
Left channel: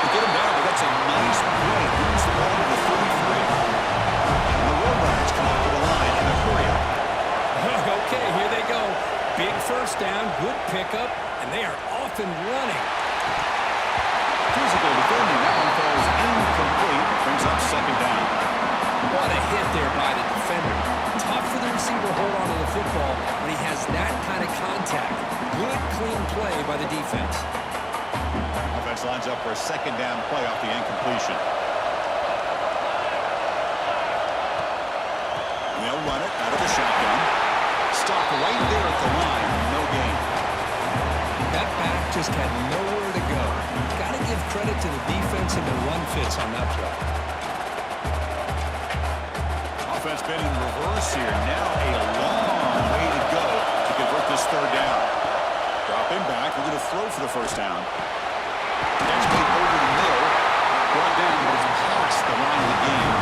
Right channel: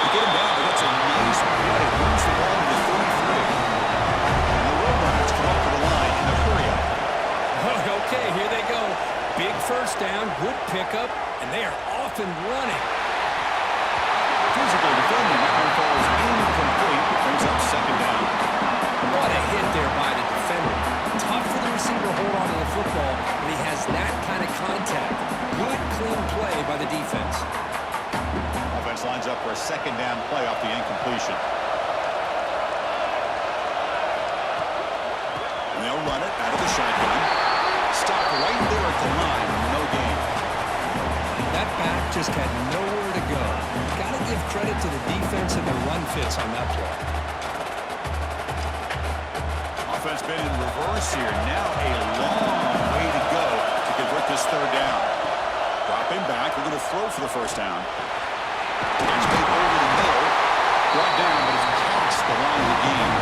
They get him down, but that's a nice play. Moves the ball to the 33. And the Roadrunners come up to the line in a hurry-up. Okay, here they go. Big first down, good pickup, and they are off and running. Physical defending. That one falls incomplete. Brings up second down. What a hit there by the defender. Tough for the receiver to hold on to the football when he has that kind of contact. Good, clean play by the defense. Offense lines up for a second down play off the incompletion. And they'll run it out of the shotgun. Stop right there at the line. No gain. That back just had nowhere to go. Got to give credit to the defense and the run fits on that play. Offense been in reverse here. Now a long way to go to convert this third down. Dropping back. We're going to throw for the first down. Catch made over the middle. Brought down, but it's past the line of the game.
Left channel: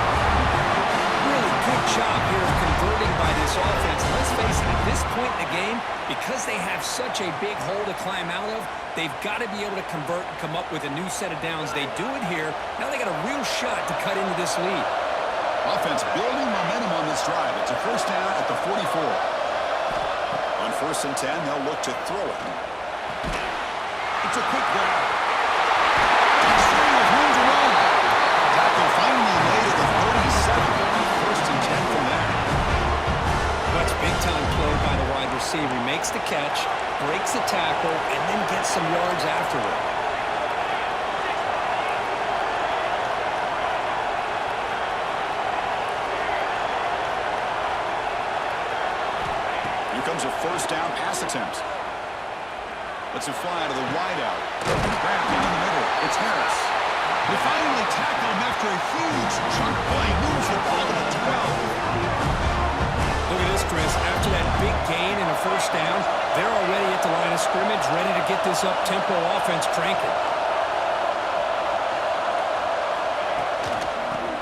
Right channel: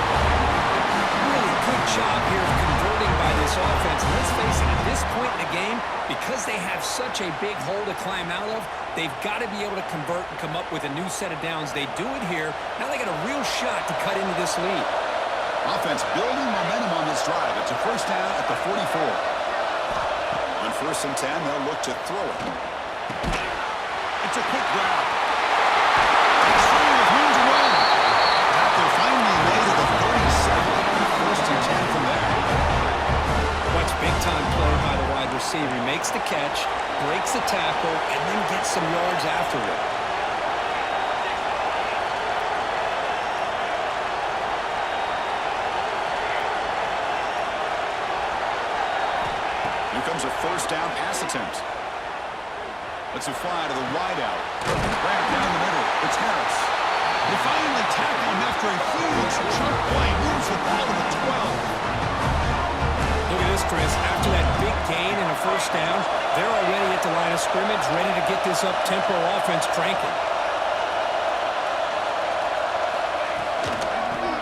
Really good job here of converting by this offense. Let's face it, at this point in the game, because they have such a big hole to climb out of, they've got to be able to convert and come up with a new set of downs. They do it here. Now they got a real shot to cut into this lead. Offense building momentum on this drive. It's a first down at the 44. On first and 10, they'll look to throw it. It's a quick grab. Takes 3 with room to run. Tackle finally made at the 37. First and 10 from there. Watch big-time play by the wide receiver. He makes the catch, breaks the tackle, and then gets some yards afterward. Here comes a first down pass attempt. Lets it fly to the wideout. Grabbed down the middle. It's Harris. They finally tackle him after a huge chunk play. Moves the ball to the 12. Look at this, Chris. After that big gain and a first down, they're already at the line of scrimmage, ready to get this up-tempo offense cranking.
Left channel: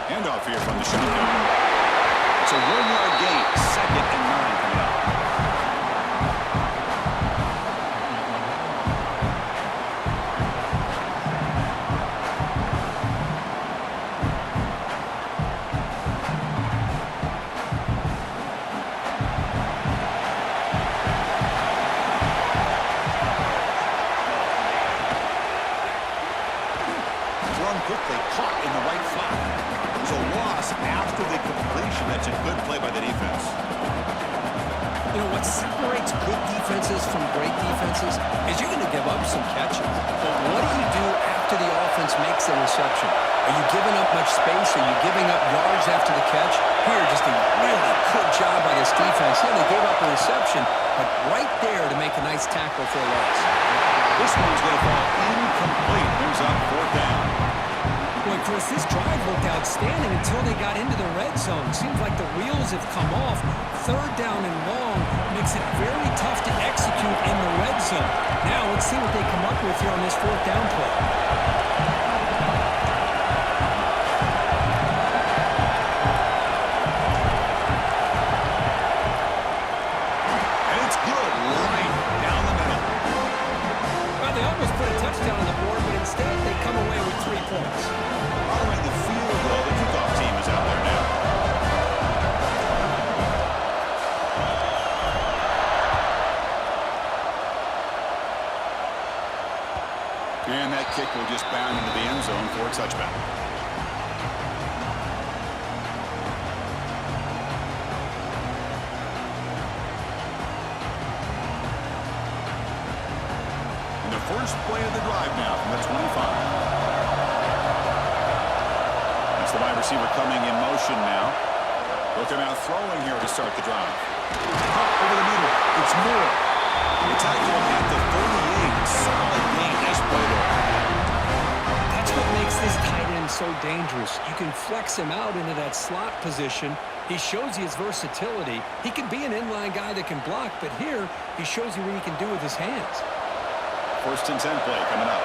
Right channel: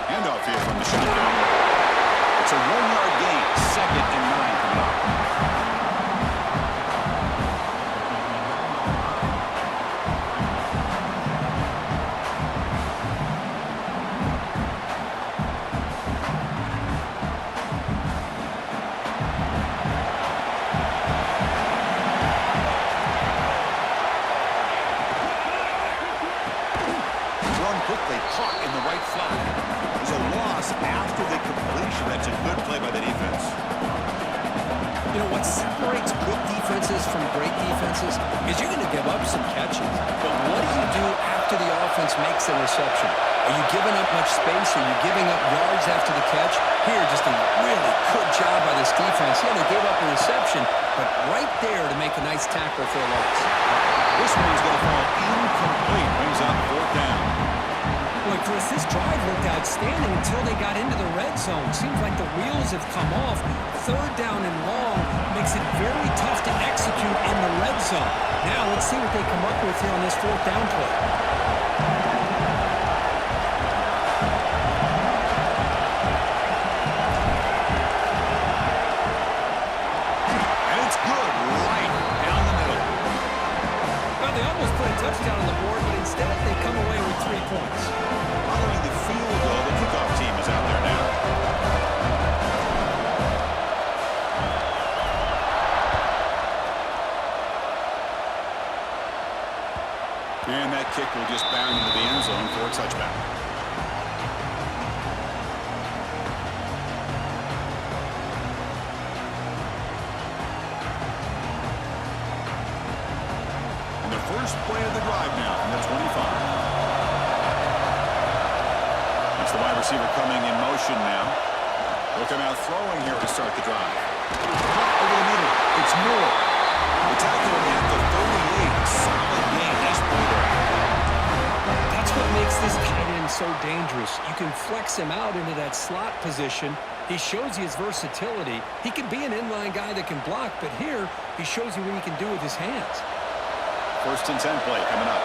Handoff here from the shotgun. It's a 1-yard gain. Second and 9 coming up. Quickly caught in the right flat. There's a loss after the completion. That's a good play by the defense. You know, what separates good defenses from great defenses is you're going to give up some catches. But what do you do after the offense makes the reception? Are you giving up much space? Are you giving up yards after the catch? Here, just a really good job by this defense. Yeah, they gave up a reception, but right there to make a nice tackle for a loss. This one's going to fall incomplete. Brings up fourth down. Boy, Chris, this drive looked outstanding until they got into the red zone. Seems like the wheels have come off. Third down and long makes it very tough to execute in the red zone. Now, let's see what they come up with here on this fourth down play. And it's good right down the middle. Well, they almost put a touchdown on the board, but instead they come away with 3 points. Following the field goal, the kickoff team is out there now. And that kick will just bound into the end zone for a touchback. And the first first play of the drive now from the 25. That's the wide receiver coming in motion now. Look at out throwing here to start the drive. Cut over the middle. It's Moore. They tackle him at the 38. Solid gain. Nice play there. That's what makes this tight end so dangerous. You can flex him out into that slot position. He shows you his versatility. He can be an inline guy that can block, but here he shows you what he can do with his hands. 1st and 10 play coming up.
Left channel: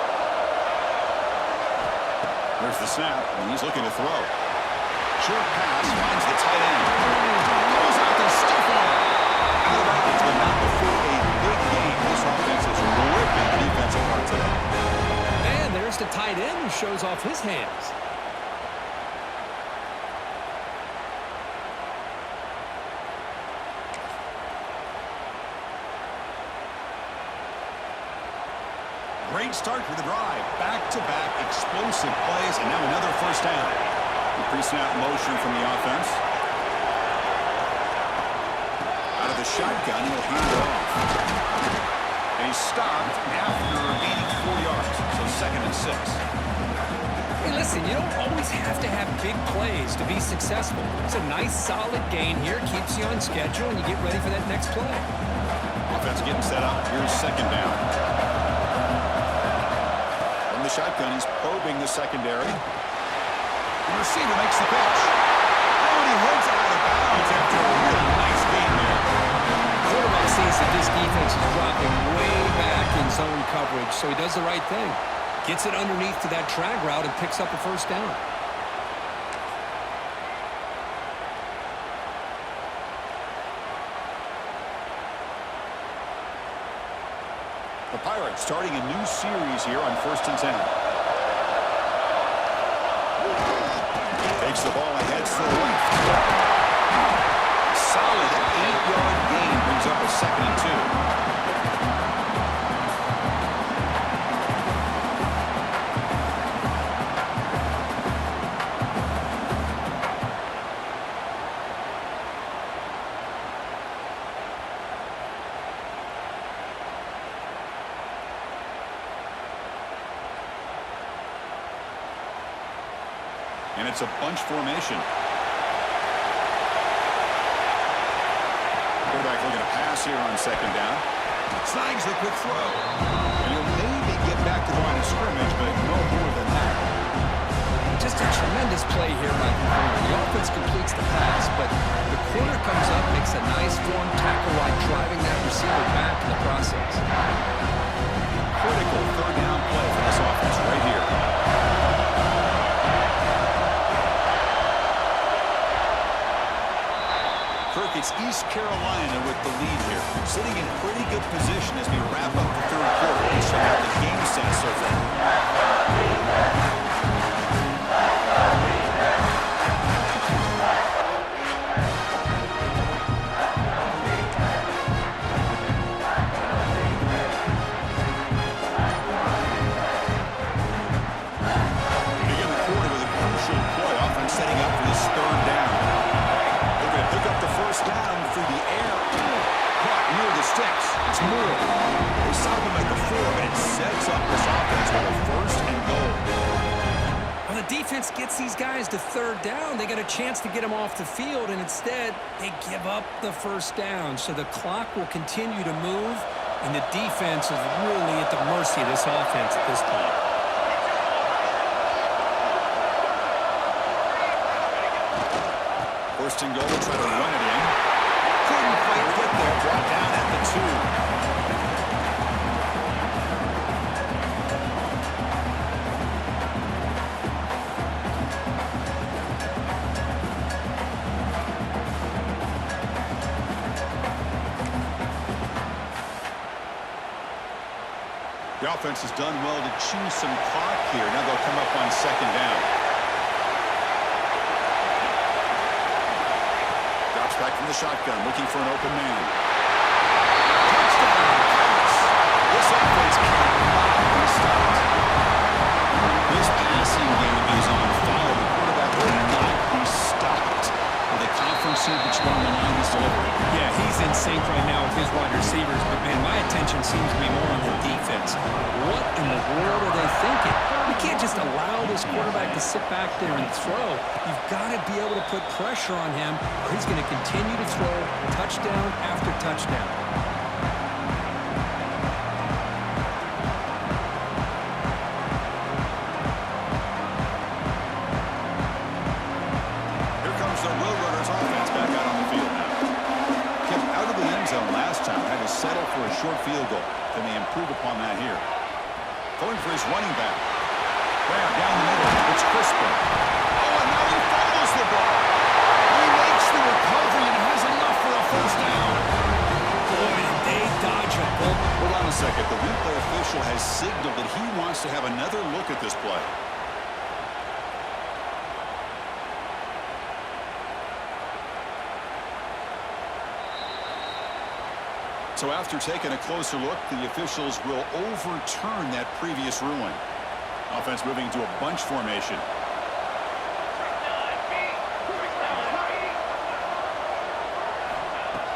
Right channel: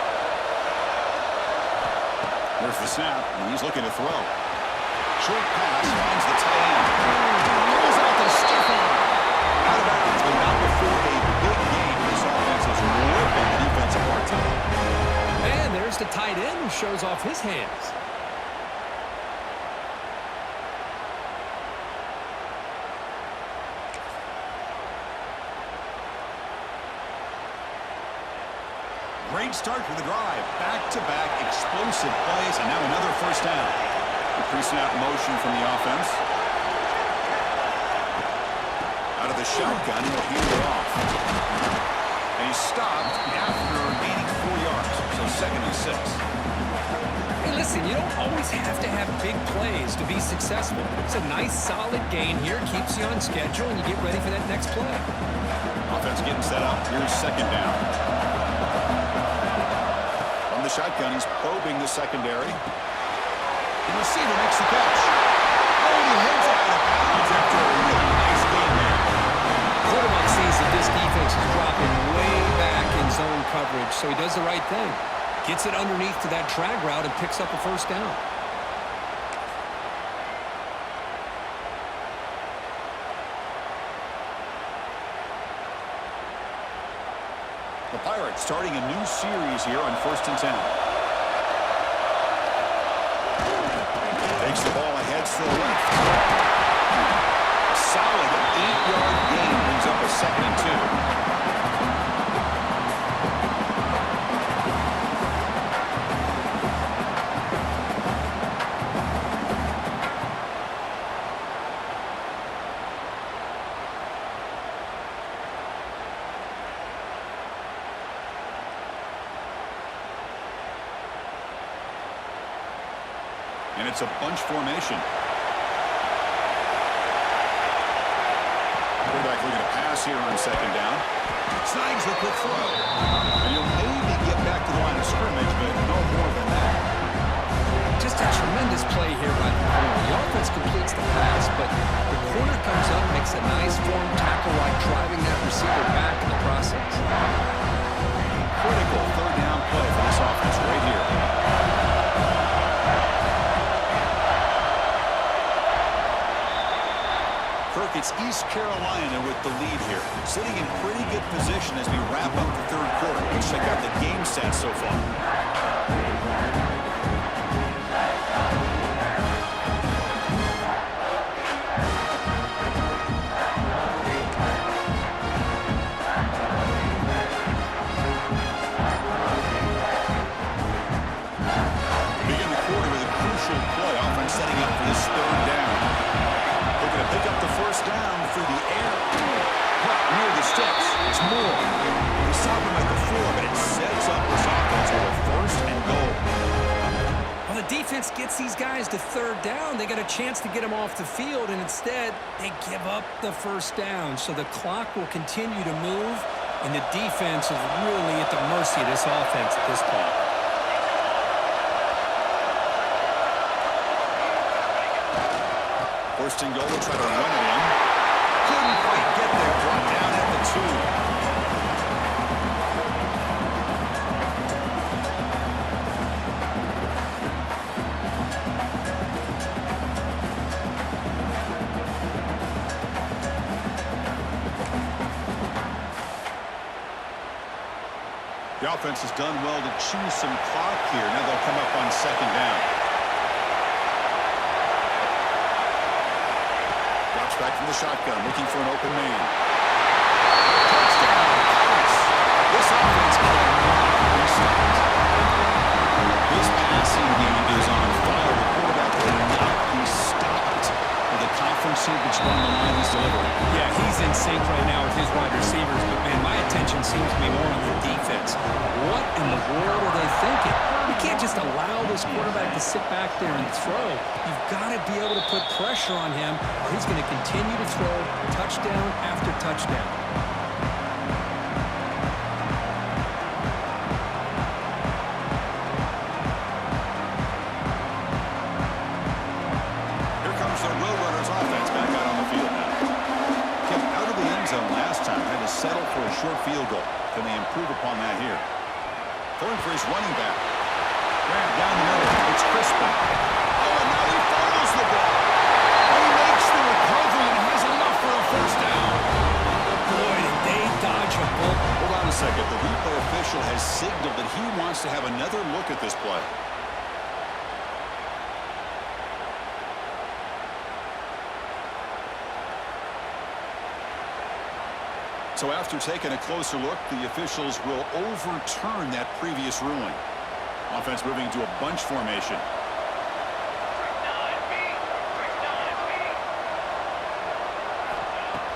There's the snap, and he's looking to throw. Short pass finds the tight end. Throws out the stiff arm. Out of bounds, but not before a big game. This offense is ripping the defense apart today. And there's the tight end who shows off his hands. Great start for the drive. Back-to-back explosive plays, and now another first down. The pre-snap motion from the offense. Out of the shotgun, he'll hand it off. And he's stopped after gaining 4 yards, so 2nd and 6. Hey, listen, you don't always have to have big plays to be successful. It's a nice, solid gain here. Keeps you on schedule, and you get ready for that next play. Offense getting set up. Here's 2nd down. From the shotgun, he's probing the secondary. The receiver makes the catch. Oh, and he heads out of bounds after a really nice gain there. Quarterback sees that this defense is dropping way back in zone coverage, so he does the right thing. Gets it underneath to that drag route and picks up a first down. The Pirates starting a new series here on 1st and 10. Takes the ball ahead to the left. A solid 8-yard gain brings up a 2nd and 2. And it's a bunch formation. Quarterback looking to pass here on 2nd down. Snags the quick throw. And he'll maybe get back to the line of scrimmage, but no more than that. Just a tremendous play here by the corner. The offense completes the pass, but the corner comes up, makes a nice form tackle while driving that receiver back in the process. Critical 3rd down play for this offense right here. Kirk, it's East Carolina with the lead here. Sitting in pretty good position as we wrap up the 3rd quarter. Let's check out the game stats so far. Begin the quarter with a crucial play. Offense setting up for this 3rd down. Looking to pick up the first down through the air. Caught near the sticks. It's Moore. They stop him at the 4, but it sets up this offense with a 1st and goal. Well, the defense gets these guys to 3rd down. They got a chance to get them off the field, and instead they give up the first down. So the clock will continue to move, and the defense is really at the mercy of this offense at this point. First and goal, try to run it in. Couldn't quite get there. Brought down at the 2. The offense has done well to chew some clock here. Now they'll come up on 2nd down. Drops back from the shotgun, looking for an open man. Touchdown, Pirates! This offense cannot be stopped. This passing game is on fire. The quarterback will not be stopped. With a conference synced on the line he's delivering. Yeah, he's in sync right now with his wide receivers, but, man, my attention seems to be more on the defense. What in the world are they thinking? You can't just allow this quarterback to sit back there and throw. You've got to be able to put pressure on him, or he's going to continue to throw touchdown after touchdown. The Roadrunners offense back out on the field now. Kept out of the end zone last time. Had to settle for a short field goal. Can they improve upon that here? Throwing for his running back. Grab down the middle. It's Crispin. Oh, and now he fumbles the ball. He makes the recovery and has enough for a first down. Boy, did they dodge a bullet. Hold on a second. The replay official has signaled that he wants to have another look at this play. So after taking a closer look, the officials will overturn that previous ruling. Offense moving to a bunch formation.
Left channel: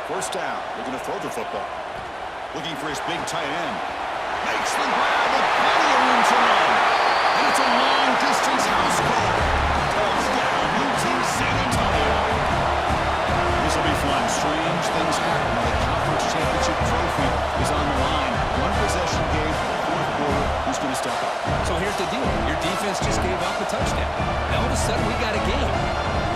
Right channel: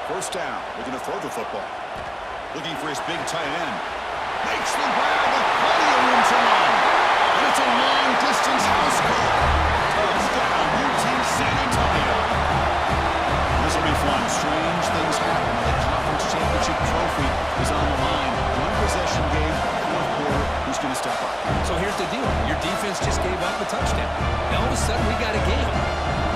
First down, looking to throw the football. Looking for his big tight end. Makes the grab with plenty of room to run. And it's a long-distance house call. Touchdown, UT San Antonio. This will be fun. Strange things happen when the conference championship trophy is on the line. One possession game, fourth quarter. Who's going to step up? So here's the deal. Your defense just gave up a touchdown. Now all of a sudden we got a game.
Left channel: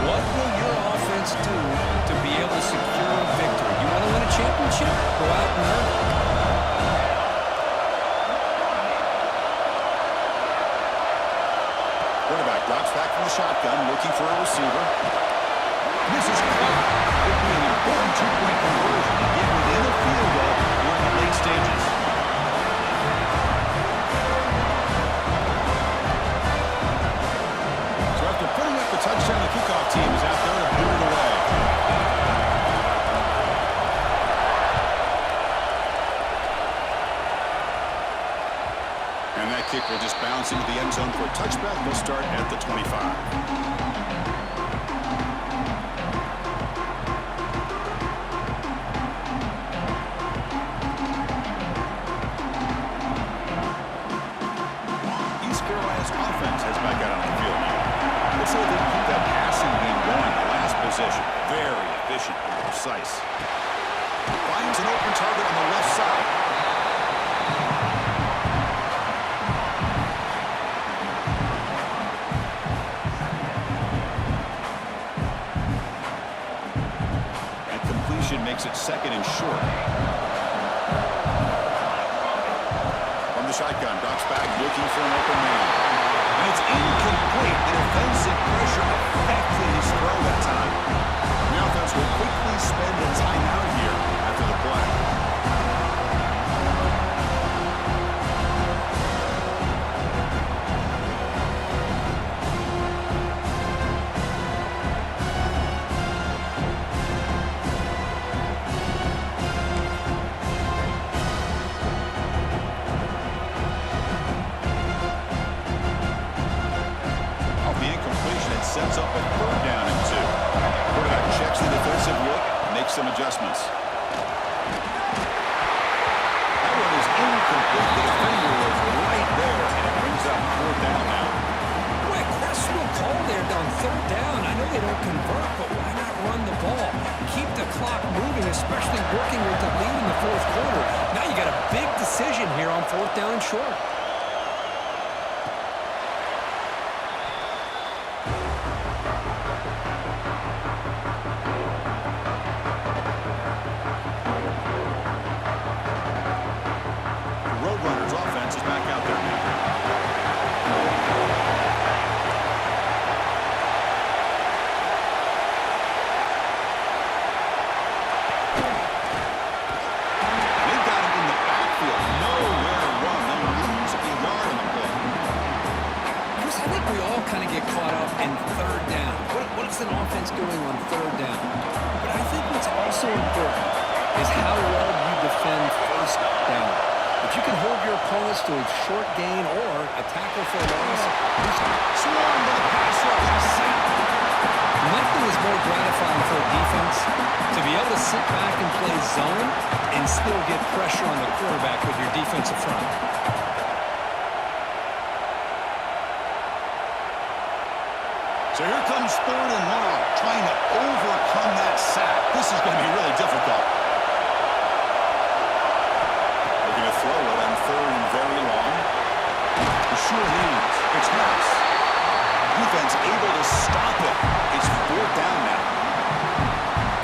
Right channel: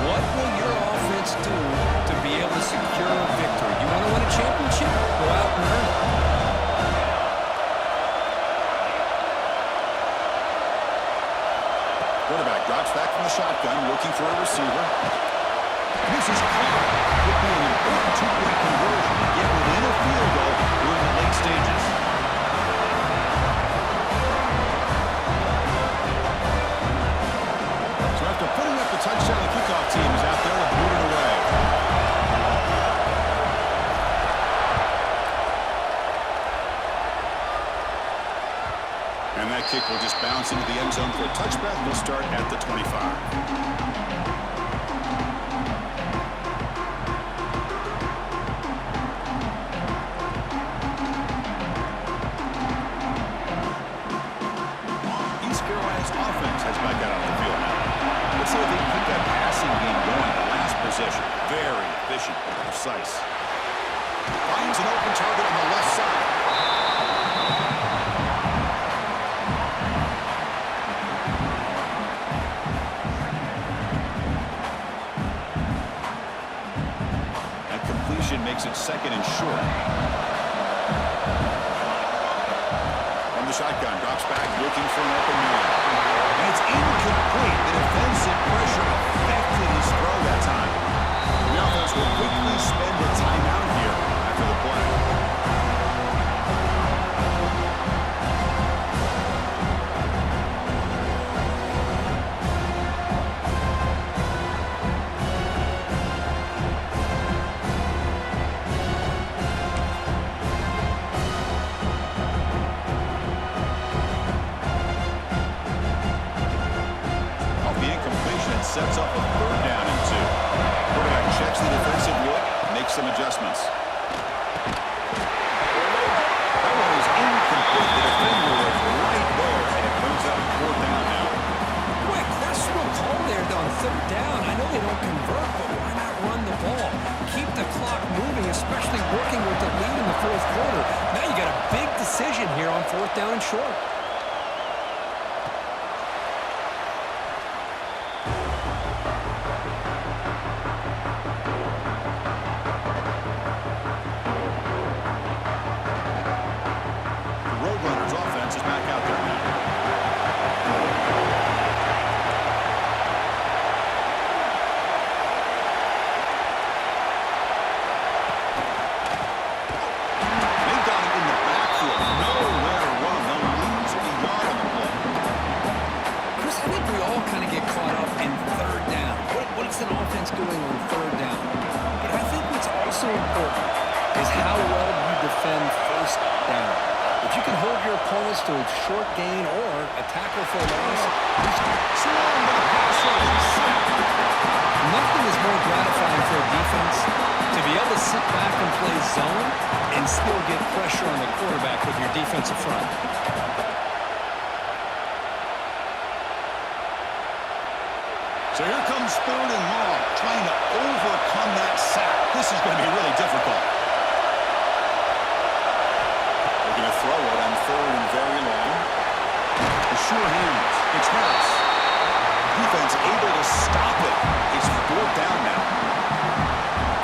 What will your offense do to be able to secure a victory? You want to win a championship? Go out and earn it. Quarterback drops back from the shotgun, looking for a receiver. This is caught. Could be an important two-point conversion to get within a field goal during the late stages. So after putting up the touchdown, the kickoff team is out there to boot it away. And that kick will just bounce into the end zone for a touchback. They'll start at the 25. Let's see if they can keep that passing game going. The last possession, very efficient and precise. Finds an open target on the left side. And completion makes it second and short. From the shotgun, drops back, looking for an open man. And it's incomplete. The defensive pressure affected his throw that time. The offense will quickly spend a timeout here after the play. Sets up a third down and 2. Quarterback checks the defensive look, makes some adjustments. That one is incomplete. The defender was right there, and it brings up fourth down now. Boy, questionable call there on third down. I know they don't convert, but why not run the ball? Keep the clock moving, especially working with the lead in the fourth quarter. Now you got a big decision here on fourth down and short. An offense doing on third down. But I think what's also important is how well you defend first down. If you can hold your opponents to a short gain or a tackle for a loss, Swarm with a pass rush. Sack. nothing is more gratifying for a defense to be able to sit back and play zone and still get pressure on the quarterback with your defensive front. So here comes 3rd and long, trying to overcome that sack. This is going to be really difficult. They're going to throw it on 3rd and very long. The sure hands. It's Harris. Defense able to stop it. It's 4th down now.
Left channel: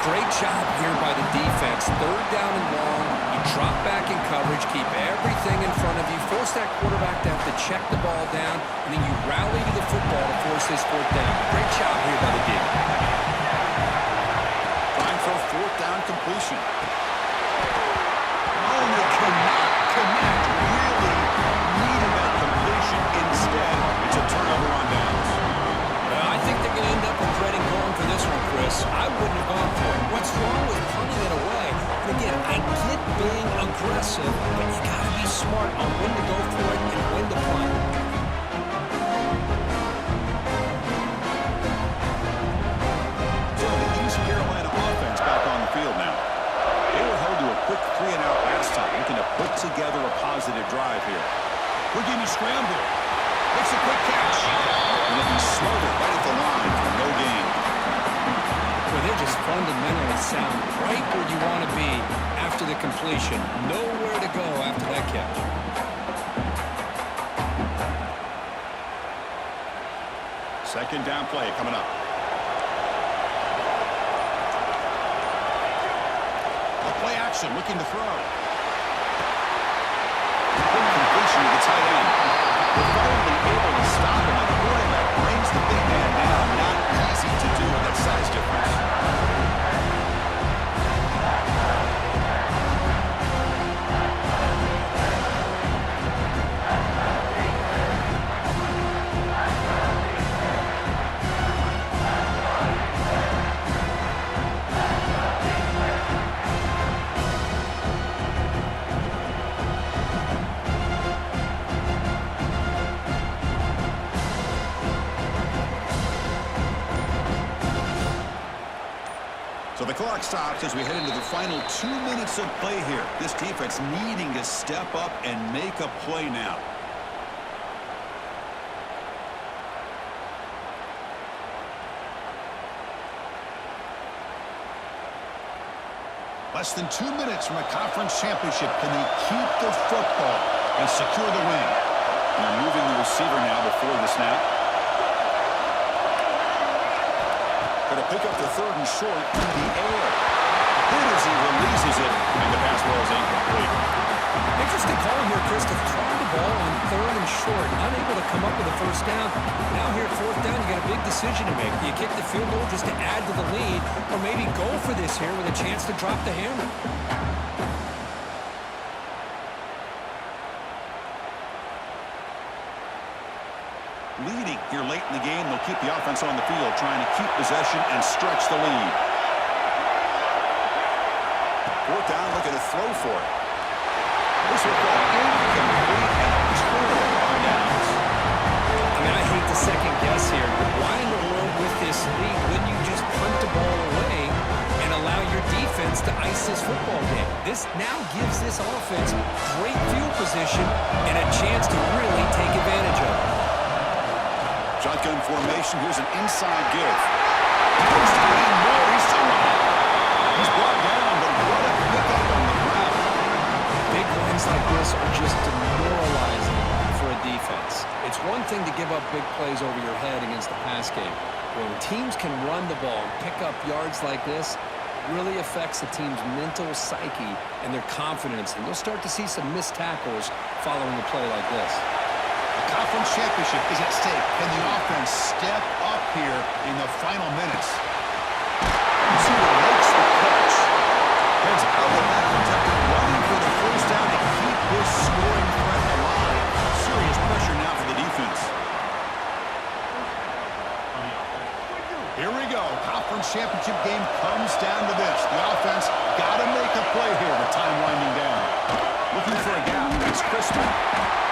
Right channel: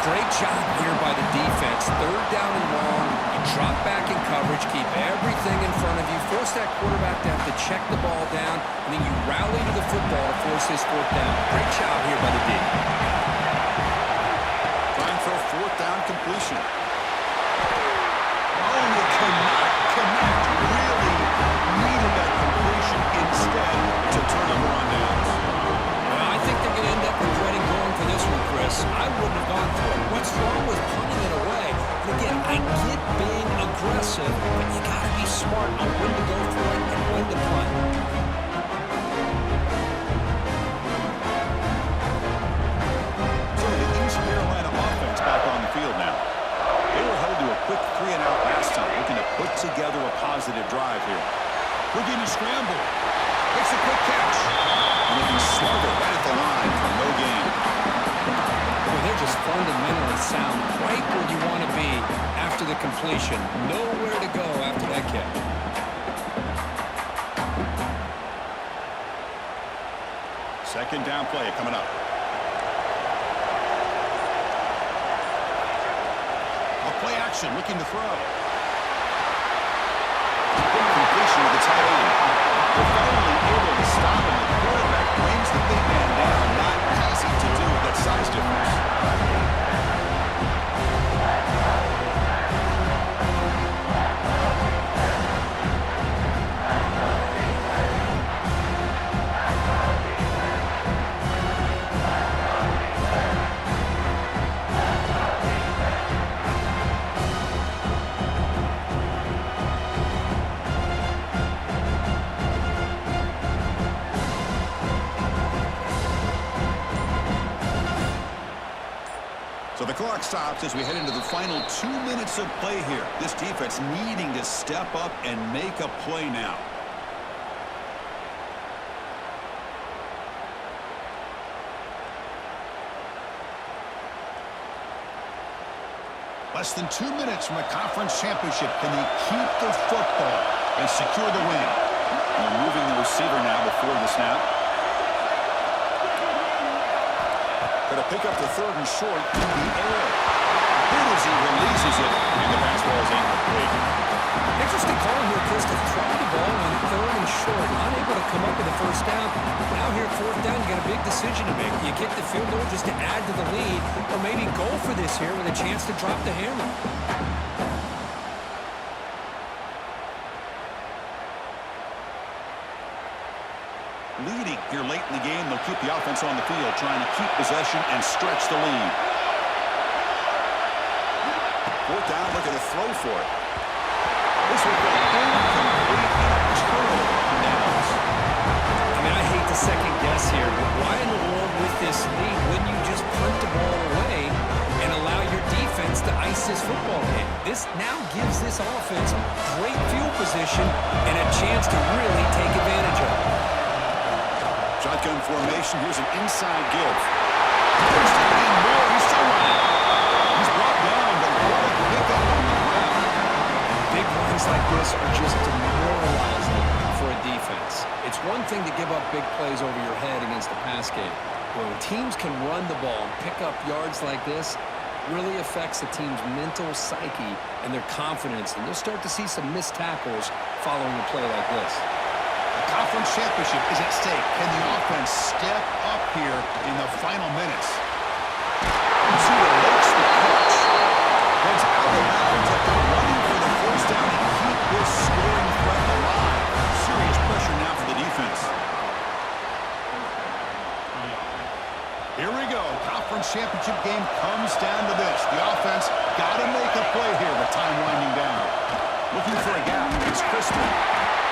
Great job here by the defense. 3rd down and long. You drop back in coverage, keep everything in front of you, force that quarterback to have to check the ball down, and then you rally to the football to force this 4th down. Great job here by the D. Trying for a 4th down completion. Oh, you cannot connect. Really needed that completion. Instead, it's a turnover on downs. Well, I think they're going to end up regretting going for this one, Chris. I wouldn't have gone for it. What's wrong with punting it away? And again, I get being aggressive, but you got to be smart on when to go for it and when to punt. So the East Carolina offense back on the field now. They were held to a quick 3-and-out last time, looking to put together a positive drive here. Looking to scramble. Makes a quick catch. And then he smothered right at the line for no gain. Well, they're just fundamentally sound, right where you want to be after the completion. Nowhere to go after that catch. Second down play coming up. A play action, looking to throw. Good completion to the tight end. They're finally able to stop him. The quarterback brings the big man down. Not easy to do with that size difference. So the clock stops as we head into the final 2 minutes of play here. This defense needing to step up and make a play now. Less than 2 minutes from a conference championship. Can they keep the football and secure the win? And they're moving the receiver now before the snap. Going to pick up the 3rd and short in the air. Then as he releases it, and the pass ball is incomplete. Interesting call here, Chris, to throw the ball on 3rd and short, unable to come up with a 1st down. Now here at 4th down, you got a big decision to make. Do you kick the field goal just to add to the lead, or maybe go for this here with a chance to drop the hammer? Leading here late in the game, they'll keep the offense on the field, trying to keep possession and stretch the lead. 4th down, looking to throw for it. This will go incomplete and a turnover on downs. I mean, I hate to second guess here, but why in the world with this lead wouldn't you just punt the ball away and allow your defense to ice this football game? This now gives this offense great field position and a chance to really take advantage of it. Shotgun formation. Here's an inside give. Posted in more. He's still running. He's brought down, but what a pickup on the ground. Big runs like this are just demoralizing for a defense. It's one thing to give up big plays over your head against the pass game. When teams can run the ball and pick up yards like this, really affects the team's mental psyche and their confidence. And you'll start to see some missed tackles following a play like this. A conference championship is at stake. Can the offense step up here in the final minutes? You see what makes the catch. Heads out of bounds after running for the 1st down to keep this scoring threat alive. Serious pressure now for the defense. Here we go. Conference championship game comes down to this. The offense got to make a play here with time winding down. Looking for a gap. It's Crispin.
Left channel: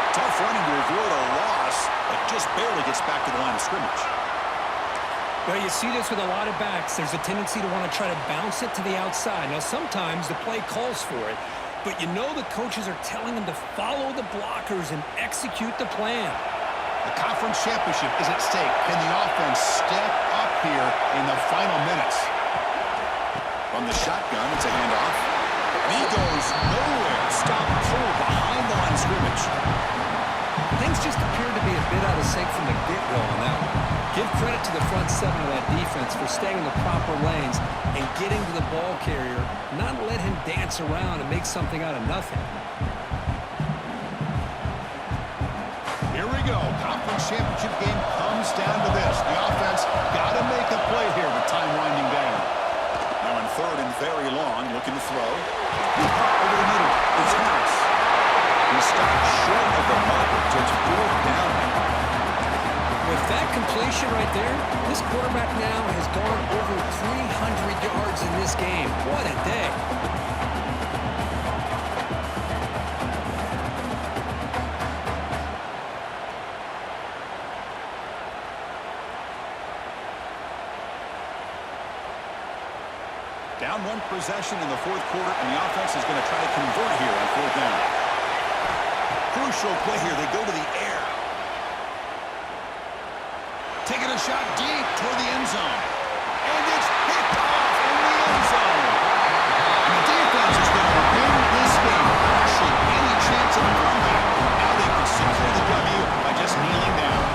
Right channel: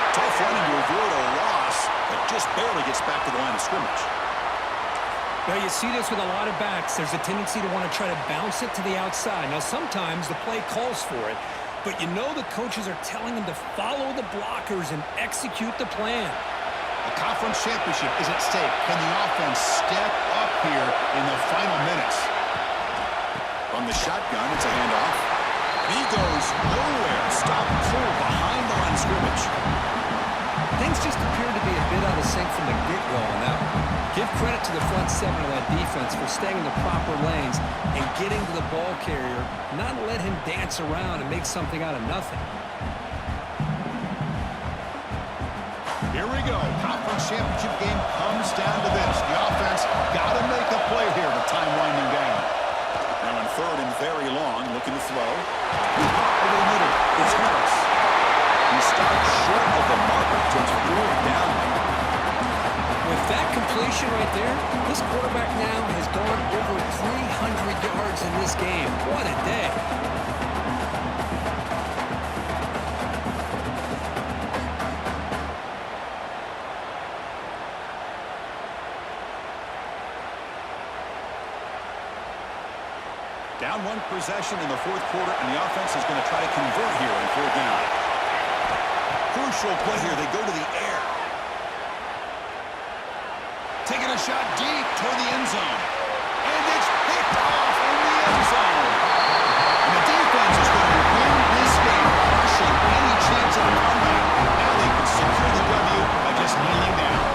Tough running to avoid a loss, but just barely gets back to the line of scrimmage. Well, you see this with a lot of backs. There's a tendency to want to try to bounce it to the outside. Now, sometimes the play calls for it, but you know the coaches are telling them to follow the blockers and execute the plan. The conference championship is at stake. Can the offense step up here in the final minutes? From the shotgun, it's a handoff. And he goes nowhere. Stop pull behind the line of scrimmage. Things just appeared to be a bit out of sync from the get-go on that one. Give credit to the front seven of that defense for staying in the proper lanes and getting to the ball carrier, not let him dance around and make something out of nothing. Here we go. Conference championship game comes down to this. The offense got to make a play here with time winding down. Now in third and very long, looking to throw. Over the middle, it's Harris. He starts short of the marker, so it's fourth down. With that completion right there, this quarterback now has gone over 300 yards in this game. What a day. Down one possession in the fourth quarter, and the offense is going to try to convert here on fourth down. Crucial play here. They go to the air. Taking a shot deep toward the end zone. And it's picked off in the end zone. And the defense is going to win this game, crushing any chance of a comeback. Now they can secure the W by just kneeling down.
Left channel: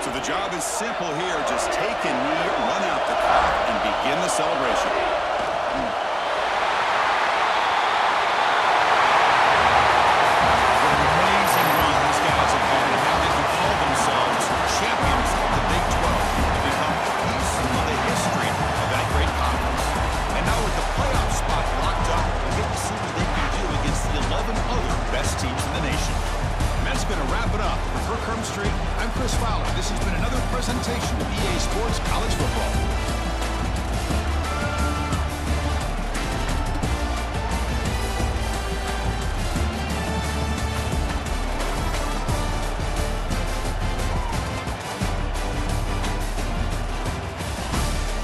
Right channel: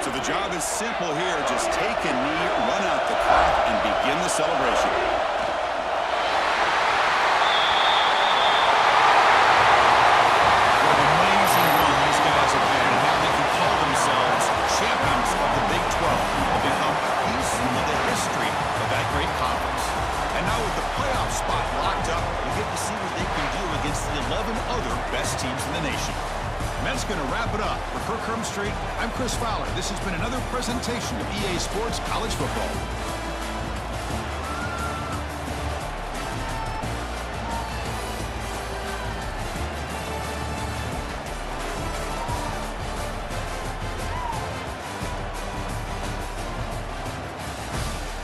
So the job is simple here. Just take a knee, run out the clock, and begin the celebration. What an amazing run these guys have had, and now they can call themselves champions of the Big 12 and become a piece of the history of that great conference. And now with the playoff spot locked up, we get to see what they can do against the 11 other best teams in the nation. And that's going to wrap it up. For Kirk Street, I'm Chris Fowler. This has been another presentation of EA Sports College Football.